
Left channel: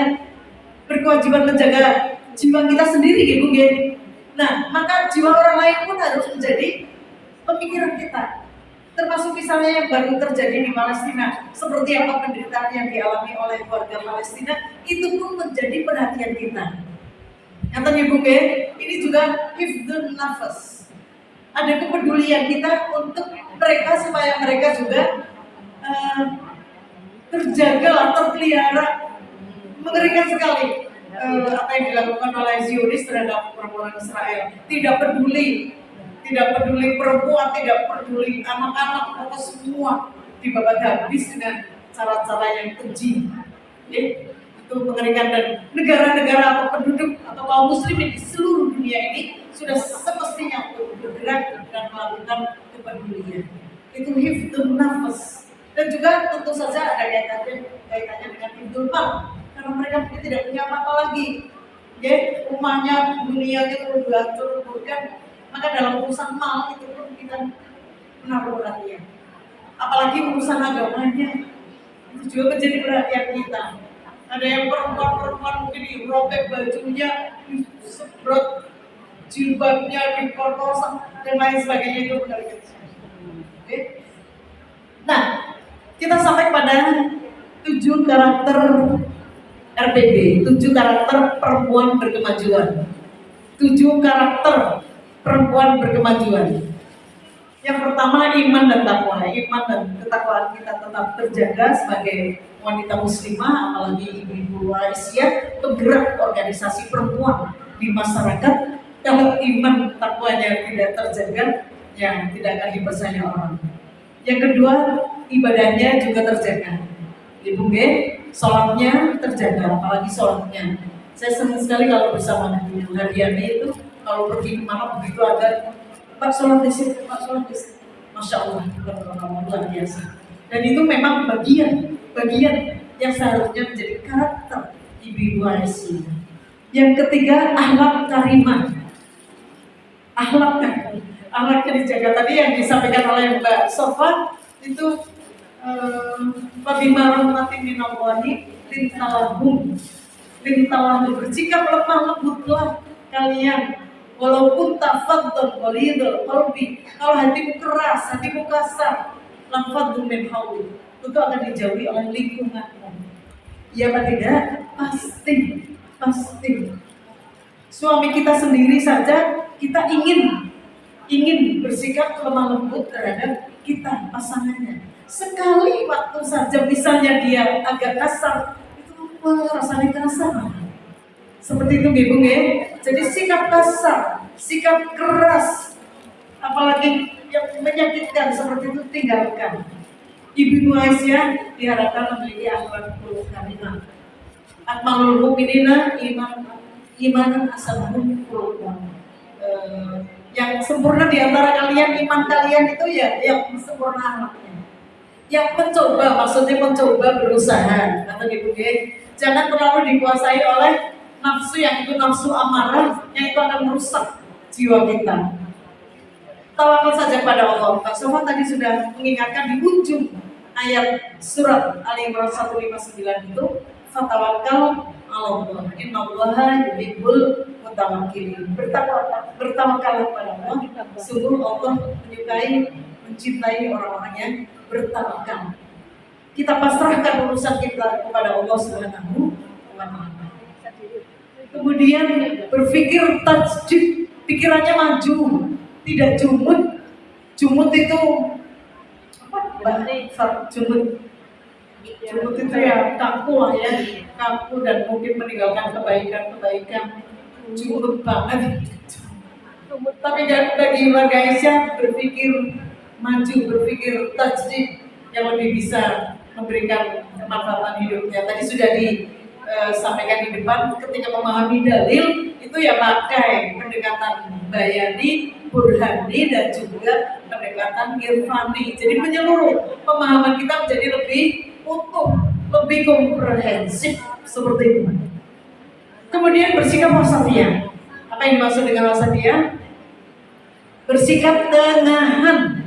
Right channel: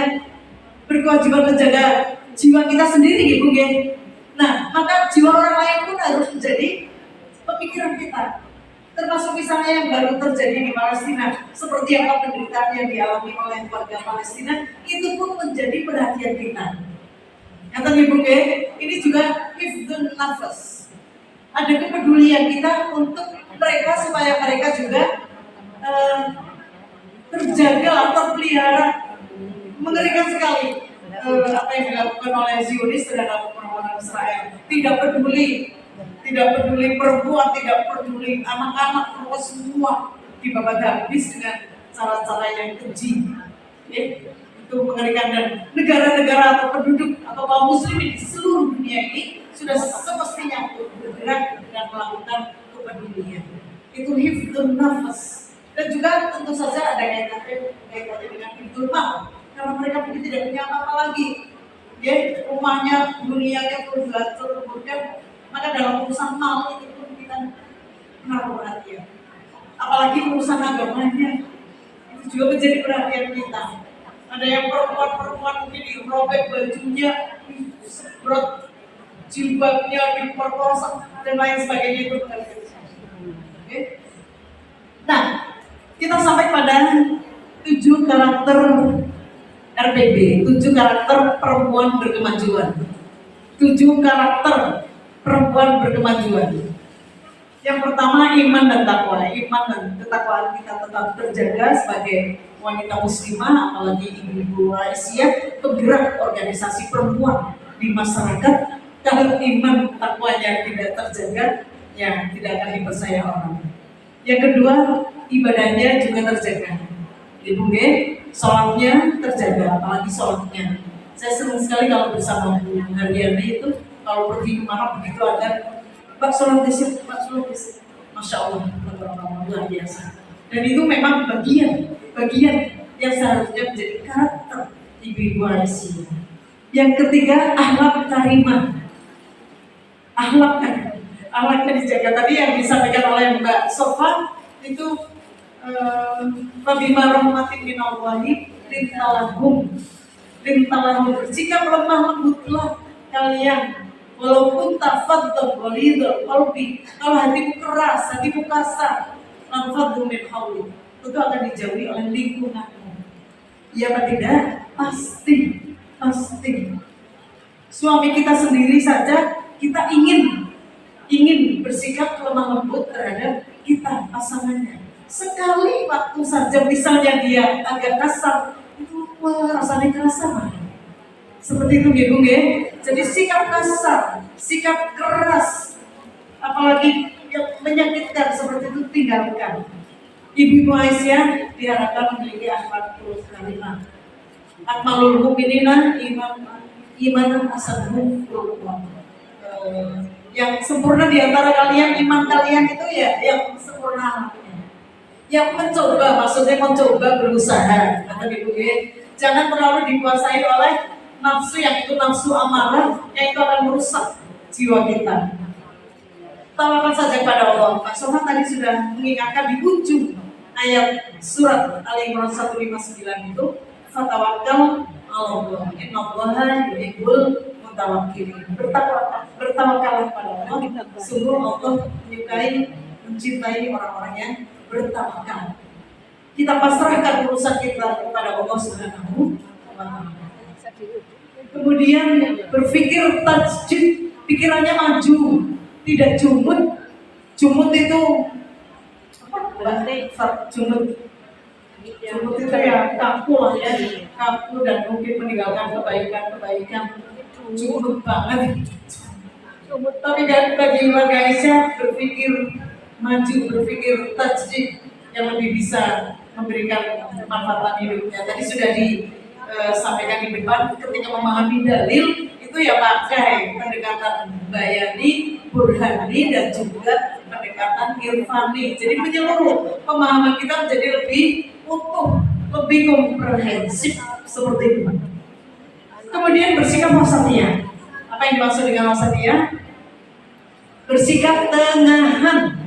berkewajiban menjaga jiwa kita sendiri gitu ya. Nah, maka jiwa orang lain pun harus menjadi pemikiran kita. Termasuk misalnya yang baru terjadi di Palestina, seperti apa penderitaan yang dialami oleh warga Palestina, itu pun menjadi perhatian kita. Yang tadi Bu, ini juga hifdzun nafas. Ada kepedulian kita untuk mereka supaya mereka juga terjaga, terpelihara. Mengerikan sekali apa yang dilakukan oleh Zionis terhadap orang-orang Israel. Tidak peduli perempuan, tidak peduli anak-anak, pokoknya semua dibabat habis dengan cara-cara yang keji. Itu mengerikan, dan negara-negara atau penduduk atau kaum muslimin di seluruh dunia ini sudah semestinya untuk bergerak dan melakukan kepedulian. Itu hifdzun nafas. Dan juga tentu saja ada kaitannya dengan hifdzul mal, karena mereka mungkin tidak punya apa-apa lagi. Rumahnya, dunianya perlu diatur, kemudian maka dalam urusan mal itu pun kita menaruh perhatian. Apalagi urusan agamanya, itu juga menjadi perhatian kita. Ada yang perempuan mungkin dirobek bajunya, disemprot jilbabnya, diperkosa dan lain sebagainya, itu mengerikan. Nah, kita sampai pada 7 karakter RPB, 7 karakter perempuan berkemajuan. 7 karakter perempuan berkemajuan. Yang pertama, iman dan takwa. Iman dan ketakwaan kita tetap terjaga sebagai wanita muslimah, apalagi ibu-ibu Aisyah, penggerak organisasi perempuan di masyarakat. Kalau iman takwanya tidak terjaga, ya tidak akan dipercaya orang. Yang kedua, ibadahnya juga terjaga. Ibu sholatnya terjaga, apalagi sholatnya. Saya senang sekali kalau bersama Bu Haryani itu, kalau pergi kemana begitu ada Pak sholat di situ, Pak sholat di situ. Masya Allah, luar biasa. Dan itu memang bagian yang seharusnya menjadi karakter ibu-ibu Aisyah. Yang ketiga, akhlak karimah. Akhlaknya dijaga. Tadi yang disampaikan oleh Mbak Sofa itu Fabima rahmatin minallahi lintalahum bersikap lemah lembutlah kalian, walaupun tafadhal ghalidul qalbi, kalau hatimu keras, hatimu kasar, lanfadhu min hawli, itu akan dijauhi oleh lingkunganmu. Ya apa tidak? Pasti. Suami kita sendiri saja kita ingin bersikap lemah lembut terhadap kita, pasangannya. Sekali waktu saja misalnya dia agak kasar, itu rasanya kasar. Seperti itu Ibu ya. Jadi sikap kasar, sikap keras, apalagi yang menyakitkan seperti itu tinggalkan. Ibu Aisyah diharapkan memiliki akhlakul karimah. Akmalul mu'minina iman asabuhum khuluqan. Yang sempurna di antara kalian, iman kalian itu ya yang sempurna akhlaknya. Yang mencoba berusaha, kata Ibu ya. Jangan terlalu dikuasai oleh nafsu, yang itu nafsu amarah, yang itu akan merusak jiwa kita. Tawakal saja pada Allah. Pak Sofan tadi sudah mengingatkan di ujung ayat surat Ali Imran 159 itu, Fatawakkal 'alallah. Innallaha yuhibbul mutawakkilin. Bertawakallah pada Allah. Sungguh Allah menyukai, mencintai orang-orang yang bertawakal. Kita pasrahkan urusan kita kepada Allah Subhanahu wa Ta'ala. Kemudian berpikir tajdid, pikirannya maju, tidak jumut. Jumut itu apa? Jumut itu ya kaku lah ya, kaku dan mungkin meninggalkan kebaikan. Jumut banget. Tapi bagi warga Aisyah berpikir maju, berpikir tajdid yang lebih bisa memberikan kemanfaatan hidupnya. Tadi sudah disampaikan di depan, ketika memahami dalil itu ya pakai pendekatan bayani, burhani, dan juga pendekatan irfani. Jadi menyeluruh, pemahaman kita menjadi lebih utuh, lebih komprehensif seperti itu. Kemudian bersikap wasatiyah. Apa yang dimaksud dengan wasatiyah? Bersikap tengahan,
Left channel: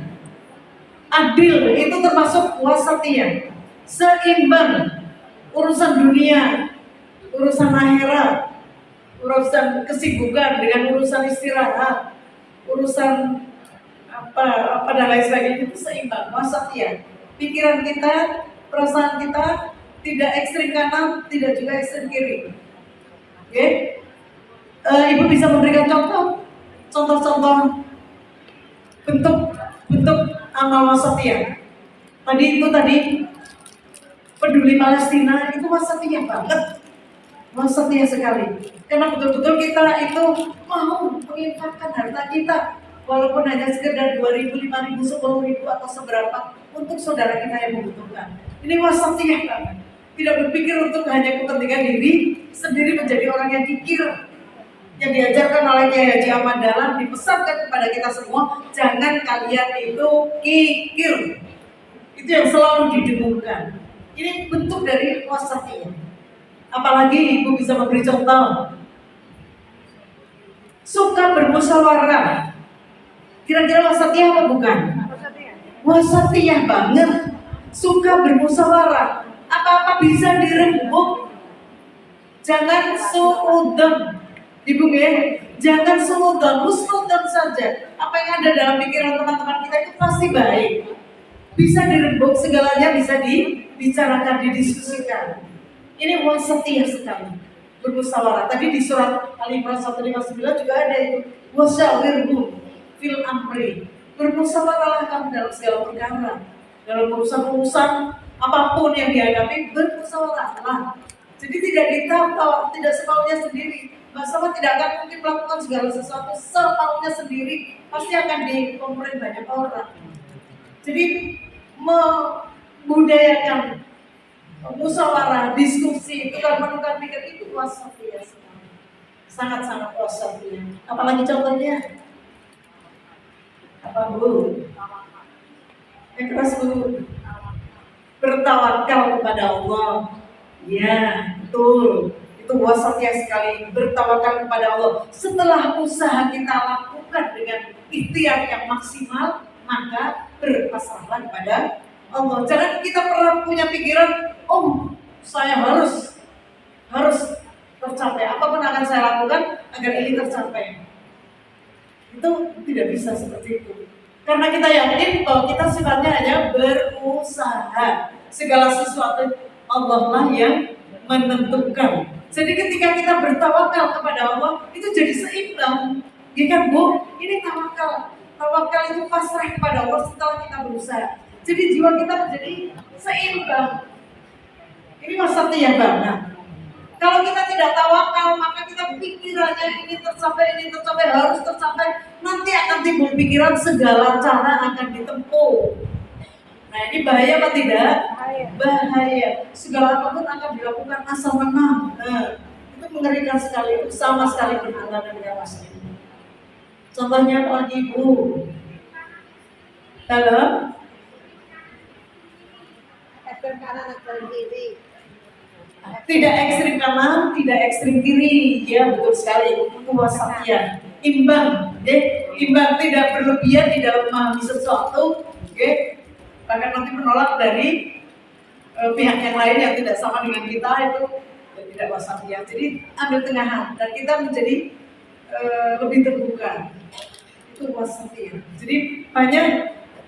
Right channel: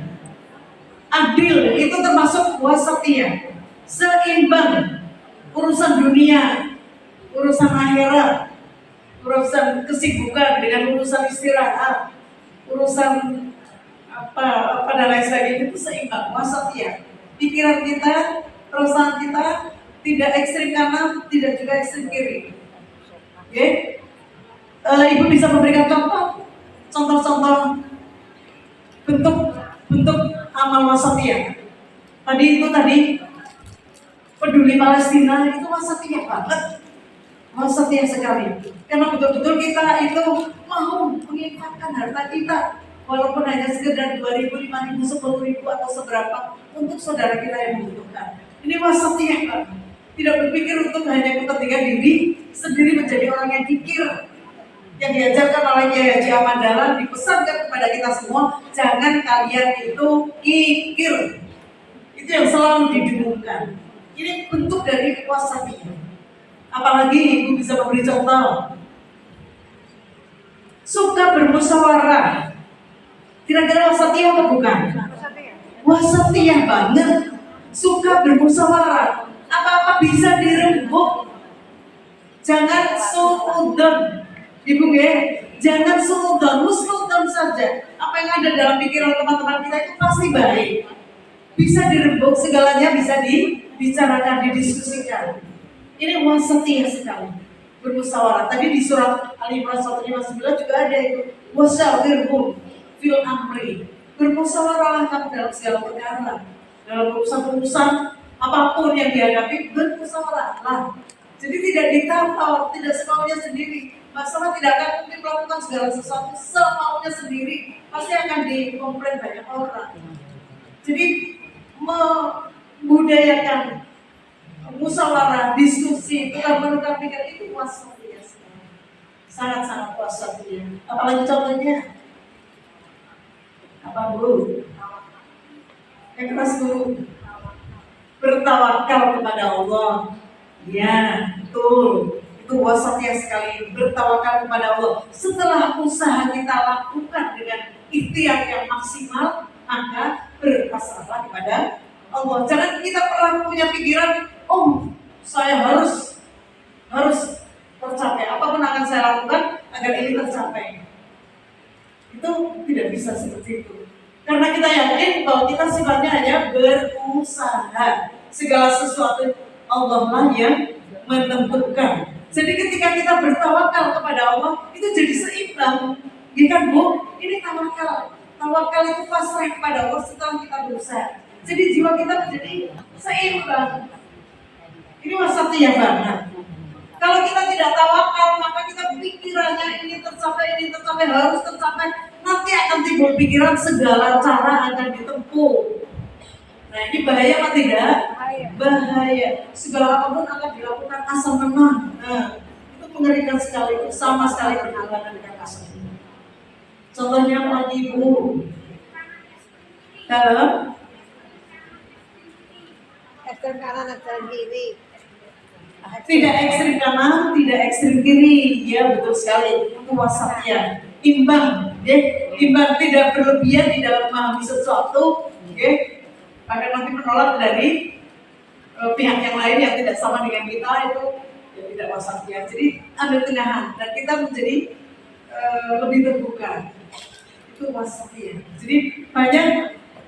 adil, itu termasuk wasatiyah. Seimbang, urusan dunia, urusan akhirat, urusan kesibukan dengan urusan istirahat, urusan apa dan lain sebagainya, itu seimbang, wasatiyah. Pikiran kita, perasaan kita tidak ekstrim kanan, tidak juga ekstrim kiri. Oke? Ibu bisa memberikan contoh-contoh bentuk amal wasatiyah. Tadi peduli Palestina itu wasatiyah banget, wasatiyah sekali. Karena betul-betul kita itu mau menginfakkan harta kita, walaupun hanya sekedar 2.000, 5.000, 10.000 atau seberapa untuk saudara kita yang membutuhkan. Ini wasatiyah banget. Tidak berpikir untuk hanya kepentingan diri sendiri, menjadi orang yang kikir. Yang diajarkan oleh Kiai Haji Ahmad Dahlan, dipesankan kepada kita semua, jangan kalian itu kikir. Itu yang selalu didengungkan. Ini bentuk dari wasatiyah. Apalagi ibu bisa memberi contoh. Suka bermusyawarah. Kira-kira wasatiyah apa bukan? Wasatiyah banget. Suka bermusyawarah. Apa-apa bisa dirembuk. Jangan suudon. Ibu ya, jangan suudon, husnudon saja. Apa yang ada dalam pikiran teman-teman kita itu pasti baik. Bisa dirembuk, segalanya bisa dibicarakan, didiskusikan. Ini wasatiyah sekali. Bermusyawarah. Tadi di surat Al-Imran 159 juga ada itu. Wasyawirhum fil amri. Bermusyawarah kamu dalam segala perkara. Dalam urusan-urusan apapun yang dihadapi, bermusyawarahlah. Jadi tidak ditampal, tidak semaunya sendiri. Masalah tidak akan mungkin melakukan segala sesuatu semaunya sendiri. Pasti akan dikomplain banyak orang. Jadi membudayakan musyawarah, diskusi, tukar-menukar pikiran itu wasatiyah sekali. Sangat-sangat wasatiyah. Apalagi contohnya? Apa Bu? Yang keras Bu. Bertawakal kepada Allah. Ya, betul. Itu wasatiyah sekali, bertawakal kepada Allah. Setelah usaha kita lakukan dengan ikhtiar yang maksimal, maka berpasrahlah kepada Allah. Jangan kita pernah punya pikiran, oh saya harus tercapai, apapun akan saya lakukan agar ini tercapai. Itu tidak bisa seperti itu. Karena kita yakin bahwa kita sifatnya hanya berusaha. Segala sesuatu Allah lah yang menentukan. Jadi ketika kita bertawakal kepada Allah, itu jadi seimbang. Ya kan Bu? Ini tawakal. Tawakal itu pasrah kepada Allah setelah kita berusaha. Jadi jiwa kita menjadi seimbang. Ini wasatiyah banget. Kalau kita tidak tawakal, maka kita pikirannya ini tercapai, harus tercapai. Nanti akan timbul pikiran segala cara akan ditempuh. Nah ini bahaya apa tidak? Bahaya. Segala apapun akan dilakukan asal menang. Nah, itu mengerikan sekali. Itu sama sekali bertentangan dengan asal. Contohnya apa lagi Bu? Halo? Ekstrem kanan, ekstrem kiri. Tidak ekstrim kanan, tidak ekstrim kiri. Ya betul sekali. Itu wasatiyah. Imbang. Imbang, tidak berlebihan di dalam memahami sesuatu. Bahkan nanti menolak dari pihak yang lain yang tidak sama dengan kita itu ya tidak wasatiyah. Jadi ambil tengahan dan kita menjadi lebih terbuka. Itu wasatiyah. Jadi banyak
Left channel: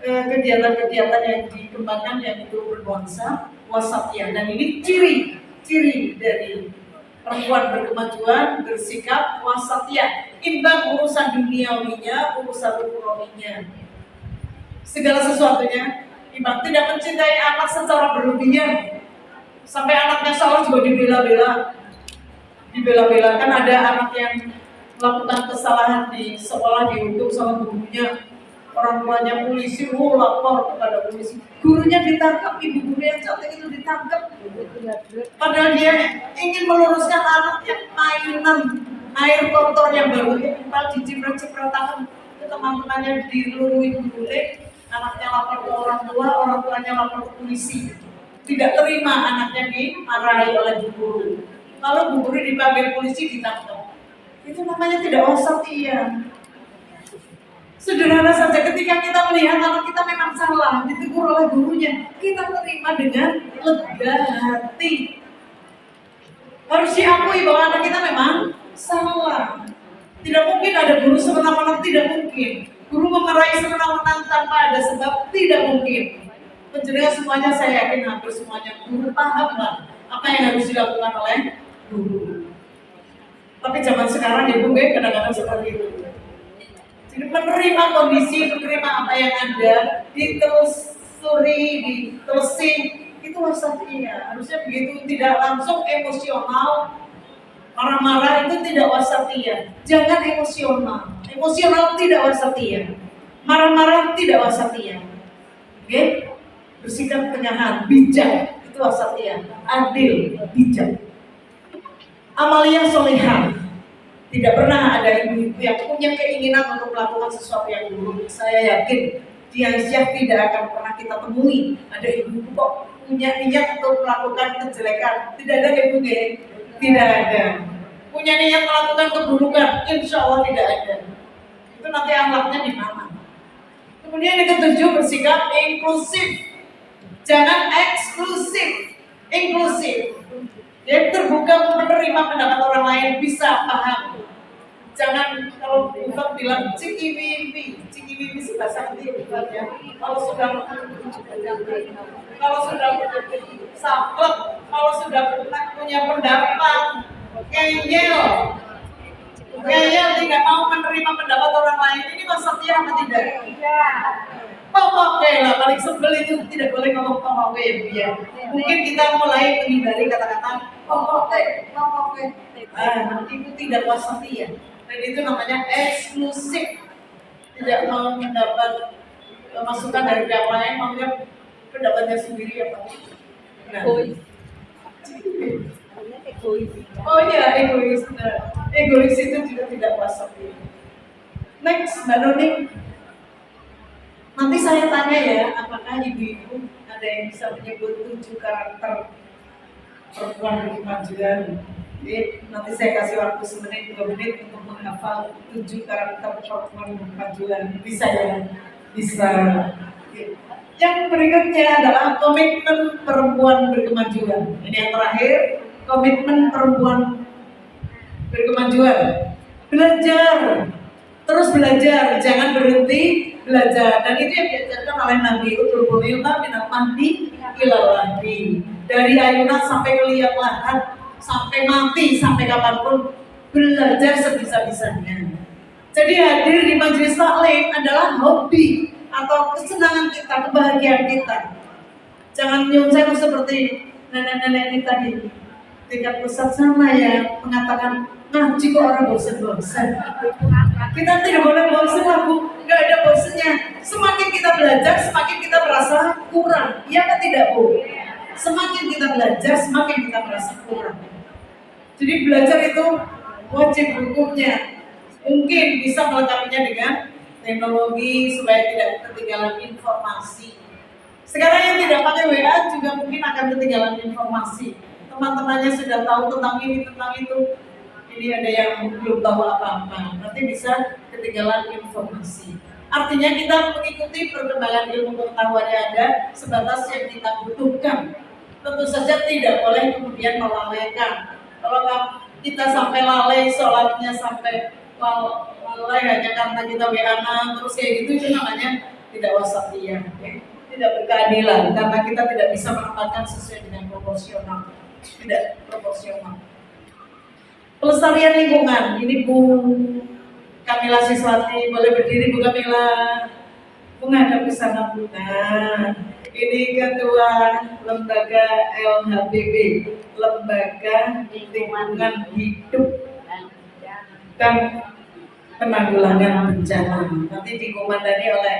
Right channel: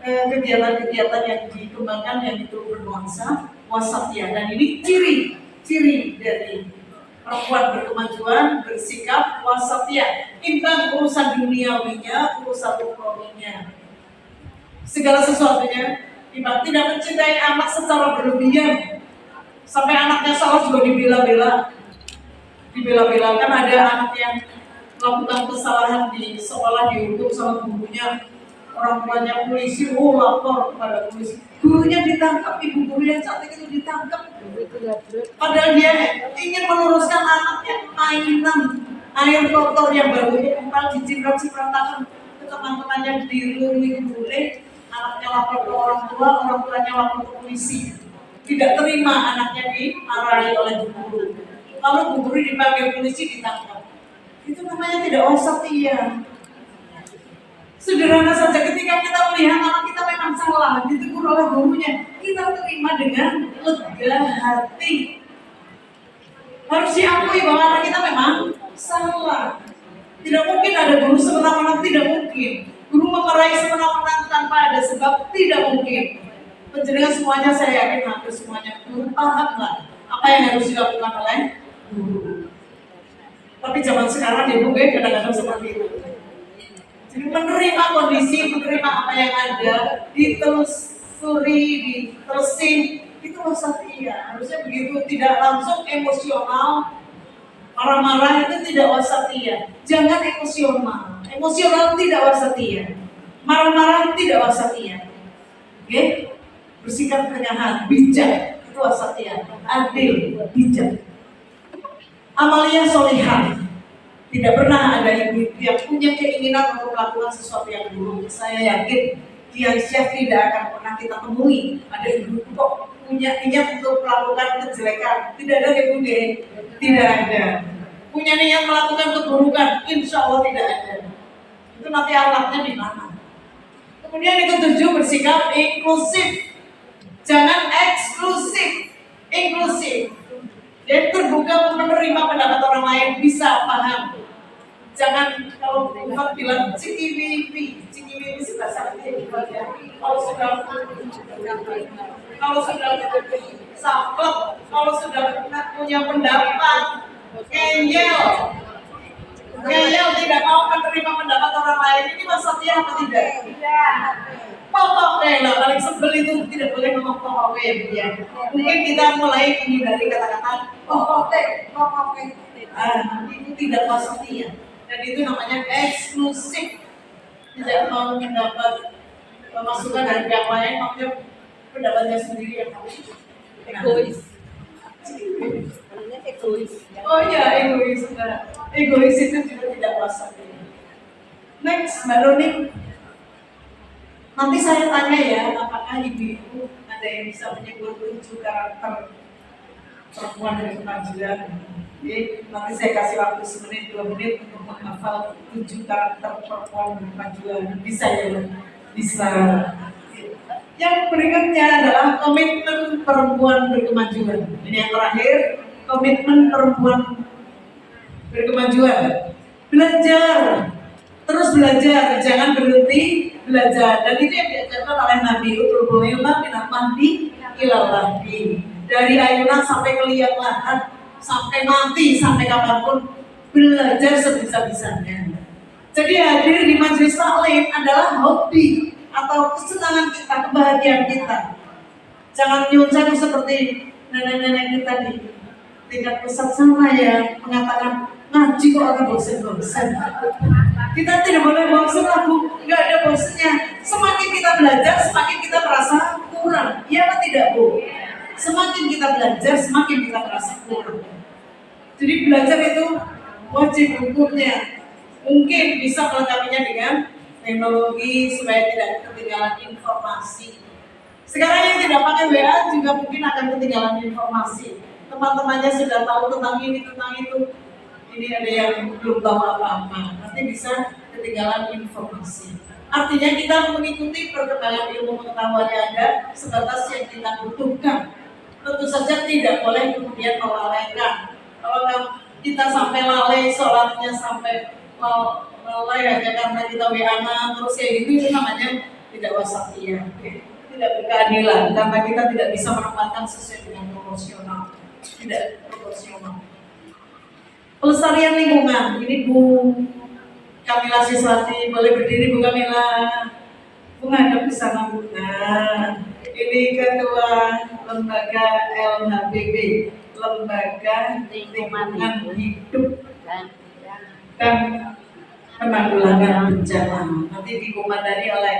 kegiatan-kegiatan yang dikembangkan yang itu bernuansa wasatiyah dan ini ciri dari perempuan berkemajuan bersikap wasatiyah, imbang urusan duniawinya, urusan ukhrawinya. Segala sesuatunya imbang, tidak mencintai anak secara berlebihan sampai anaknya salah juga dibela-bela. Kan ada anak yang melakukan kesalahan di sekolah dihukum sama gurunya, orang tuanya polisi, lapor kepada polisi, gurunya ditangkap, ibu guru yang cantik itu ditangkap, padahal dia ingin meluruskan anak yang mainan air kotor yang baru empal diciprat-cipratakan ke teman-temannya, diluruhi boleh, anaknya lapor ke orang tuanya lapor ke polisi, tidak terima anaknya dimarahi oleh bu guru, lalu bu guru dipanggil polisi ditangkap. Itu namanya tidak wasatiyah. Sederhana saja, ketika kita melihat anak kita memang salah, ditegur oleh gurunya, kita terima dengan lega hati. Harus diakui bahwa anak kita memang salah. Tidak mungkin ada guru semena-mena, tidak mungkin. Guru memarahi semena-mena tanpa ada sebab, tidak mungkin. Penjenengan semuanya, saya yakin hampir semuanya guru pahamlah apa yang harus dilakukan oleh guru. Tapi zaman sekarang ya Bu, kadang-kadang seperti itu. Jadi menerima kondisi, menerima apa yang ada, ditelusuri, ditelesing, itu wasatiyah. Harusnya begitu, tidak langsung emosional, marah-marah itu tidak wasatiyah. Jangan emosional tidak wasatiyah. Marah-marah tidak wasatiyah. Oke? Bersikap tengahan, bijak, itu wasatiyah. Adil, bijak. Amalia solihah. Tidak pernah ada ibu yang punya keinginan untuk melakukan sesuatu yang buruk. Saya yakin di Aisyah tidak akan pernah kita temui ada ibu kok punya niat untuk melakukan kejelekan. Tidak ada ibu tidak ada. Punya niat melakukan keburukan, insya Allah tidak ada. Itu nanti alatnya di mana? Kemudian yang ketujuh, bersikap inklusif. Jangan eksklusif, inklusif. Dia terbuka menerima pendapat orang lain, bisa paham. Jangan kalau Ustaz bilang cikiwiwi sih bahasa India ya. Kalau sudah saklek, kalau sudah punya pendapat, ngeyel tidak mau menerima pendapat orang lain, ini wasatiyah apa tidak? Pokoknya lah, paling sebel itu tidak boleh ngomong pokoknya ya. Mungkin kita mulai menghindari kata-kata pokoknya. Itu tidak wasatiyah. Dan itu namanya eksklusif. Tidak mau mendapat masukan dari pihak lain, maunya pendapatnya sendiri yang paling egois. Oh iya, egois. Nah, egois itu juga tidak wasatiyah. Next, Mbak Nuni. Nanti saya tanya ya, apakah ibu-ibu ada yang bisa menyebut 7 karakter perempuan dari kemajuan? Oke, nanti saya kasih waktu 1-2 menit untuk menghafal 7 karakter perempuan kemajuan. Bisa ya? Bisa. Oke. Yang berikutnya adalah komitmen perempuan berkemajuan. Ini yang terakhir, komitmen perempuan berkemajuan. Belajar, terus belajar, jangan berhenti belajar. Dan itu yang diajarkan oleh Nabi Utlubul ilma minal mahdi ilal lahdi. Dari ayunan sampai ke liang lahat, sampai mati, sampai kapanpun belajar sebisa-bisanya. Jadi hadir di majelis taklim adalah hobi atau kesenangan kita, kebahagiaan kita. Jangan nyunceng seperti nenek-nenek kita di tingkat pusat sana ya, mengatakan ngaji kok orang bosan-bosan. Kita tidak boleh bosan lagu, nggak ada bosannya. Semakin kita belajar, semakin kita merasa kurang. Iya kan tidak Bu? Semakin kita belajar, semakin kita merasa kurang. Jadi belajar itu wajib hukumnya. Mungkin bisa melengkapinya dengan teknologi supaya tidak ketinggalan informasi. Sekarang yang tidak pakai WA juga mungkin akan ketinggalan informasi. Teman-temannya sudah tahu tentang ini, tentang itu. Ini ada yang belum tahu apa-apa. Nanti bisa ketinggalan informasi. Artinya kita mengikuti perkembangan ilmu pengetahuan yang ada sebatas yang kita butuhkan. tentu saja tidak boleh kemudian melalaikan. Kalau kita sampai lalai sholatnya, sampai lalai hanya karena kita WA terus kayak gitu, itu namanya tidak wasatiyah, tidak berkeadilan karena kita tidak bisa menempatkan sesuai dengan proporsional, tidak proporsional. Pelestarian lingkungan, ini Bu Kamila Siswati, boleh berdiri Bu Kamila. Bu ngadep ke sana Bu. Nah, ini ketua lembaga LHBB, Lembaga Lingkungan Hidup dan Penanggulangan Bencana. Nanti dikomandani oleh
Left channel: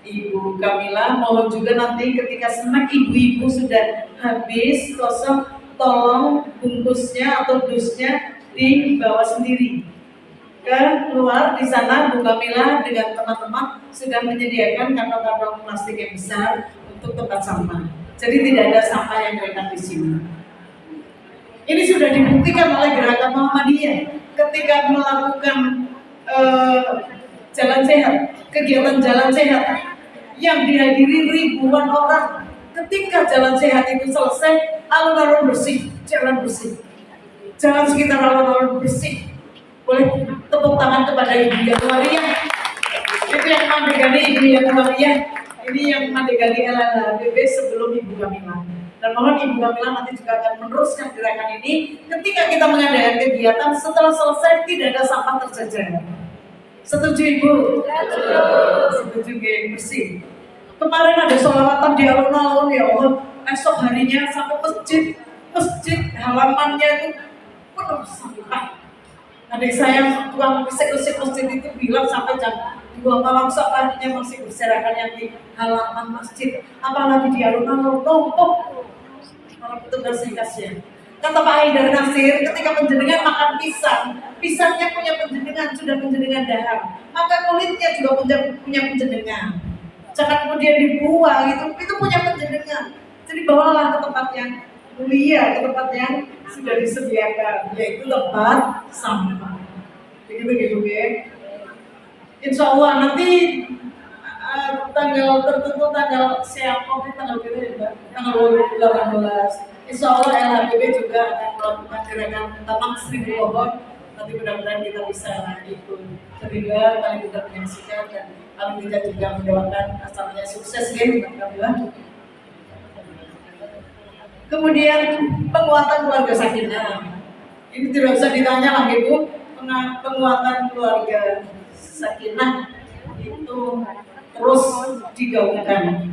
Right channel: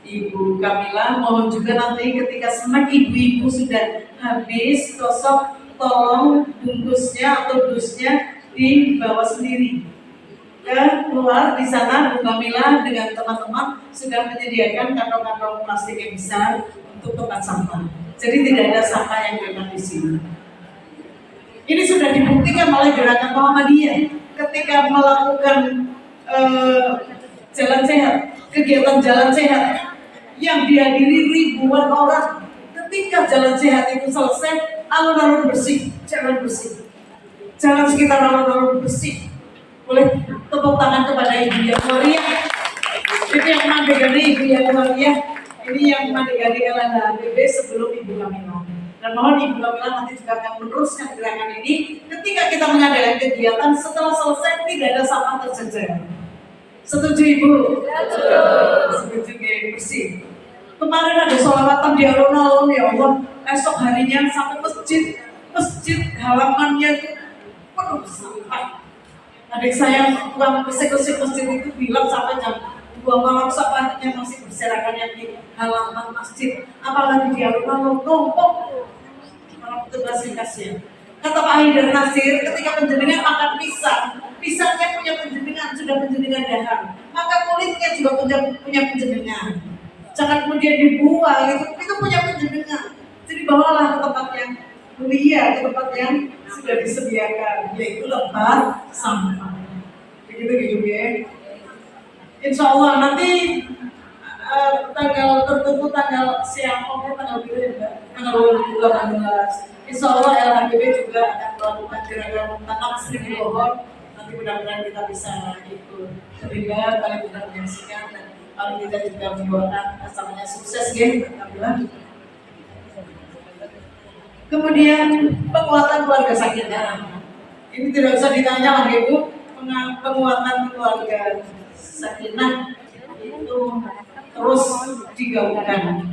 Ibu Kamila. Mohon juga nanti ketika snack ibu-ibu sudah habis kosong, tolong bungkusnya atau dusnya dibawa sendiri keluar. Di sana Bu Kamila dengan teman-teman sudah menyediakan kantong-kantong plastik yang besar untuk tempat sampah. Jadi tidak ada sampah yang beredar di sini. Ini sudah dibuktikan oleh Gerakan Muhammadiyah ketika melakukan jalan sehat, kegiatan jalan sehat yang dihadiri ribuan orang. Ketika jalan sehat itu selesai, alun-alun bersih, jalan bersih, jalan sekitar alun-alun bersih. Boleh tepuk tangan kepada Ibu yang waria. Itu yang mandegani Ibu yang waria. Ini yang mandegani LHBB sebelum Ibu Kamila. Dan mohon Ibu Kamila nanti juga akan meneruskan gerakan ini. Ketika kita mengadakan kegiatan, setelah selesai tidak ada sampah terjejar. Setuju Ibu? Setuju bersih. Kemarin ada sholawatan di alun-alun, ya Allah. Esok harinya sampai masjid halamannya itu penuh sampah. Adik saya tukang bersih-bersih masjid itu bilang sampai jam 2 malam sampahnya masih berserakan yang di halaman masjid, apalagi di alun-alun numpuk. Kalau petugas kasihan. Kata Pak Haidar Nasir, ketika penjenengan makan pisang, pisangnya punya penjenengan, sudah penjenengan dahar, maka kulitnya juga punya penjenengan. Jangan kemudian dibuang, itu punya penjenengan. Jadi bawalah ke tempat yang mulia, ke tempat yang sudah disediakan, yaitu tempat sampah. Begitu ya. Insya Allah nanti tanggal tertentu, tanggal siapa tanggal berapa ya, tanggal 18. Insya Allah LHBB juga akan melakukan gerakan tanam 1000 pohon. Nanti mudah-mudahan kita bisa ikut terlibat, paling tidak menyaksikan dan paling tidak juga mendoakan asalnya sukses ya, Alhamdulillah. Kemudian penguatan keluarga sakinah. Ini tidak usah ditanya lagi Bu, penguatan keluarga sakinah itu terus digaungkan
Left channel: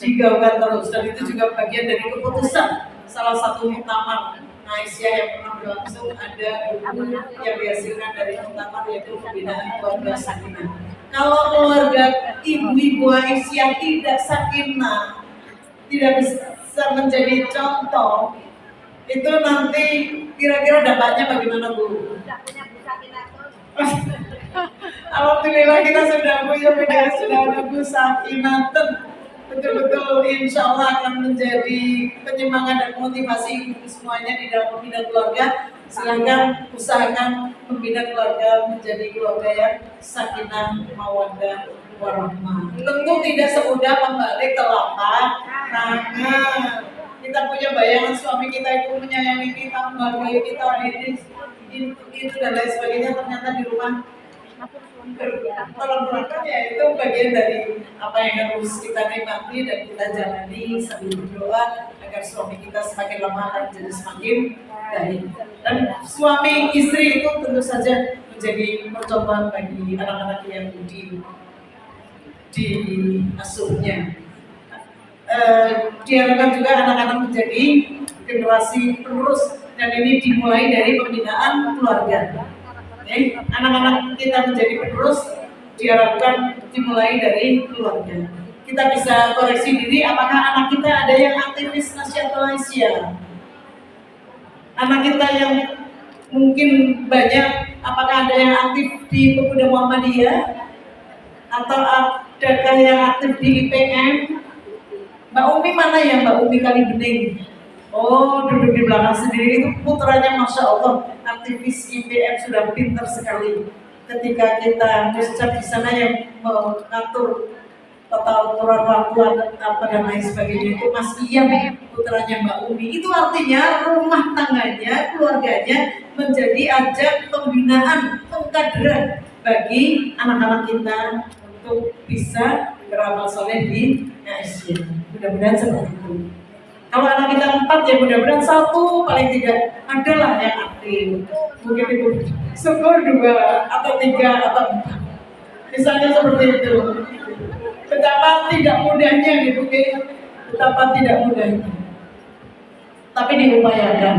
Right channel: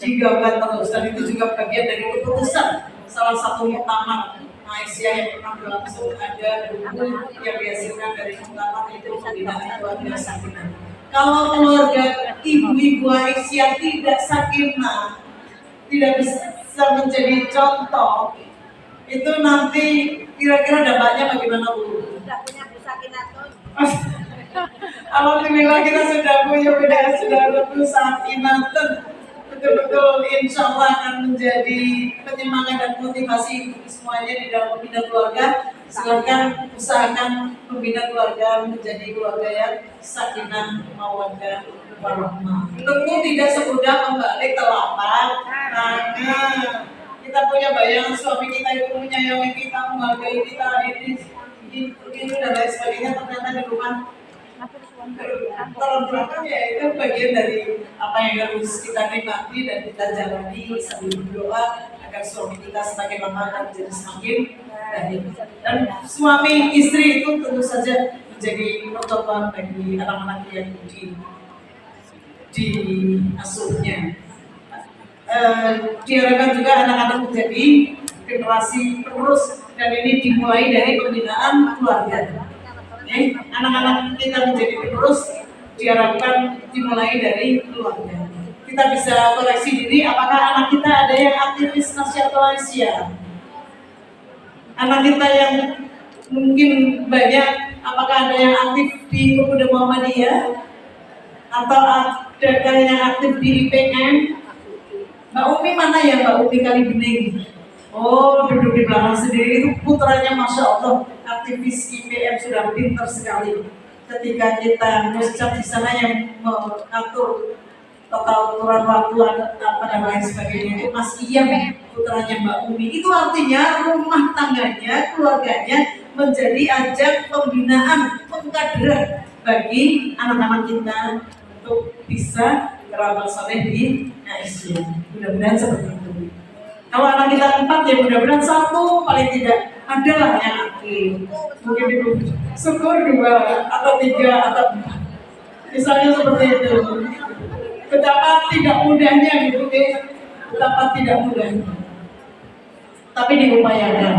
terus, dan itu juga bagian dari keputusan salah satu muktamar Malaysia yang pernah berlangsung. Ada buku yang dihasilkan dari muktamar, yaitu pembinaan keluarga sakinah. Kalau keluarga ibu-ibu Aisyah tidak sakinah, tidak bisa menjadi contoh, itu nanti kira-kira dampaknya bagaimana Bu? Tidak punya sakinah. Alhamdulillah kita sudah punya PDS, sudah ada Bu Sakinah. Betul-betul insya Allah akan menjadi penyemangat dan motivasi semuanya di dalam membina keluarga. Silakan usahakan membina keluarga menjadi keluarga yang sakinah, mawaddah, warahmah. Tentu tidak semudah membalik telapak tangan. Kita punya bayangan suami kita itu menyayangi kita, menghargai kita, itu dan lain sebagainya. Ternyata di rumah tolong belakang ya, itu bagian dari apa yang harus kita nikmati dan kita jalani sambil berdoa agar suami kita semakin lama dan jadi semakin baik. Dan suami istri itu tentu saja menjadi percontohan bagi anak-anak yang diasuhnya. Diharapkan juga anak-anak menjadi generasi penerus, dan ini dimulai dari pembinaan keluarga. Anak-anak kita menjadi penerus diharapkan dimulai dari keluarga. Kita bisa koreksi diri, apakah anak kita ada yang aktivis Nahdlatul Malaysia? Anak kita yang mungkin banyak, apakah ada yang aktif di Pemuda Muhammadiyah? Atau adakah yang aktif di IPM? Mbak Umi mana ya, Mbak Umi Kalibening? Oh, duduk di belakang sendiri, itu putranya Masya Allah, aktivis IPM, sudah pintar sekali. Ketika kita muscap di sana yang mengatur tata ukuran waktu apa dan lain sebagainya, itu Mas Ian. putranya Mbak Umi. Itu artinya rumah tangganya, keluarganya menjadi ajang pembinaan, pengkaderan bagi anak-anak kita untuk bisa beramal soleh di Asia. Mudah-mudahan seperti itu. Kalau anak kita 4 ya mudah-mudahan 1 paling tidak adalah yang aktif. Mungkin itu syukur 2 atau 3 atau 4. Misalnya seperti itu. Betapa tidak mudahnya gitu, betapa tidak mudahnya. Tapi diupayakan.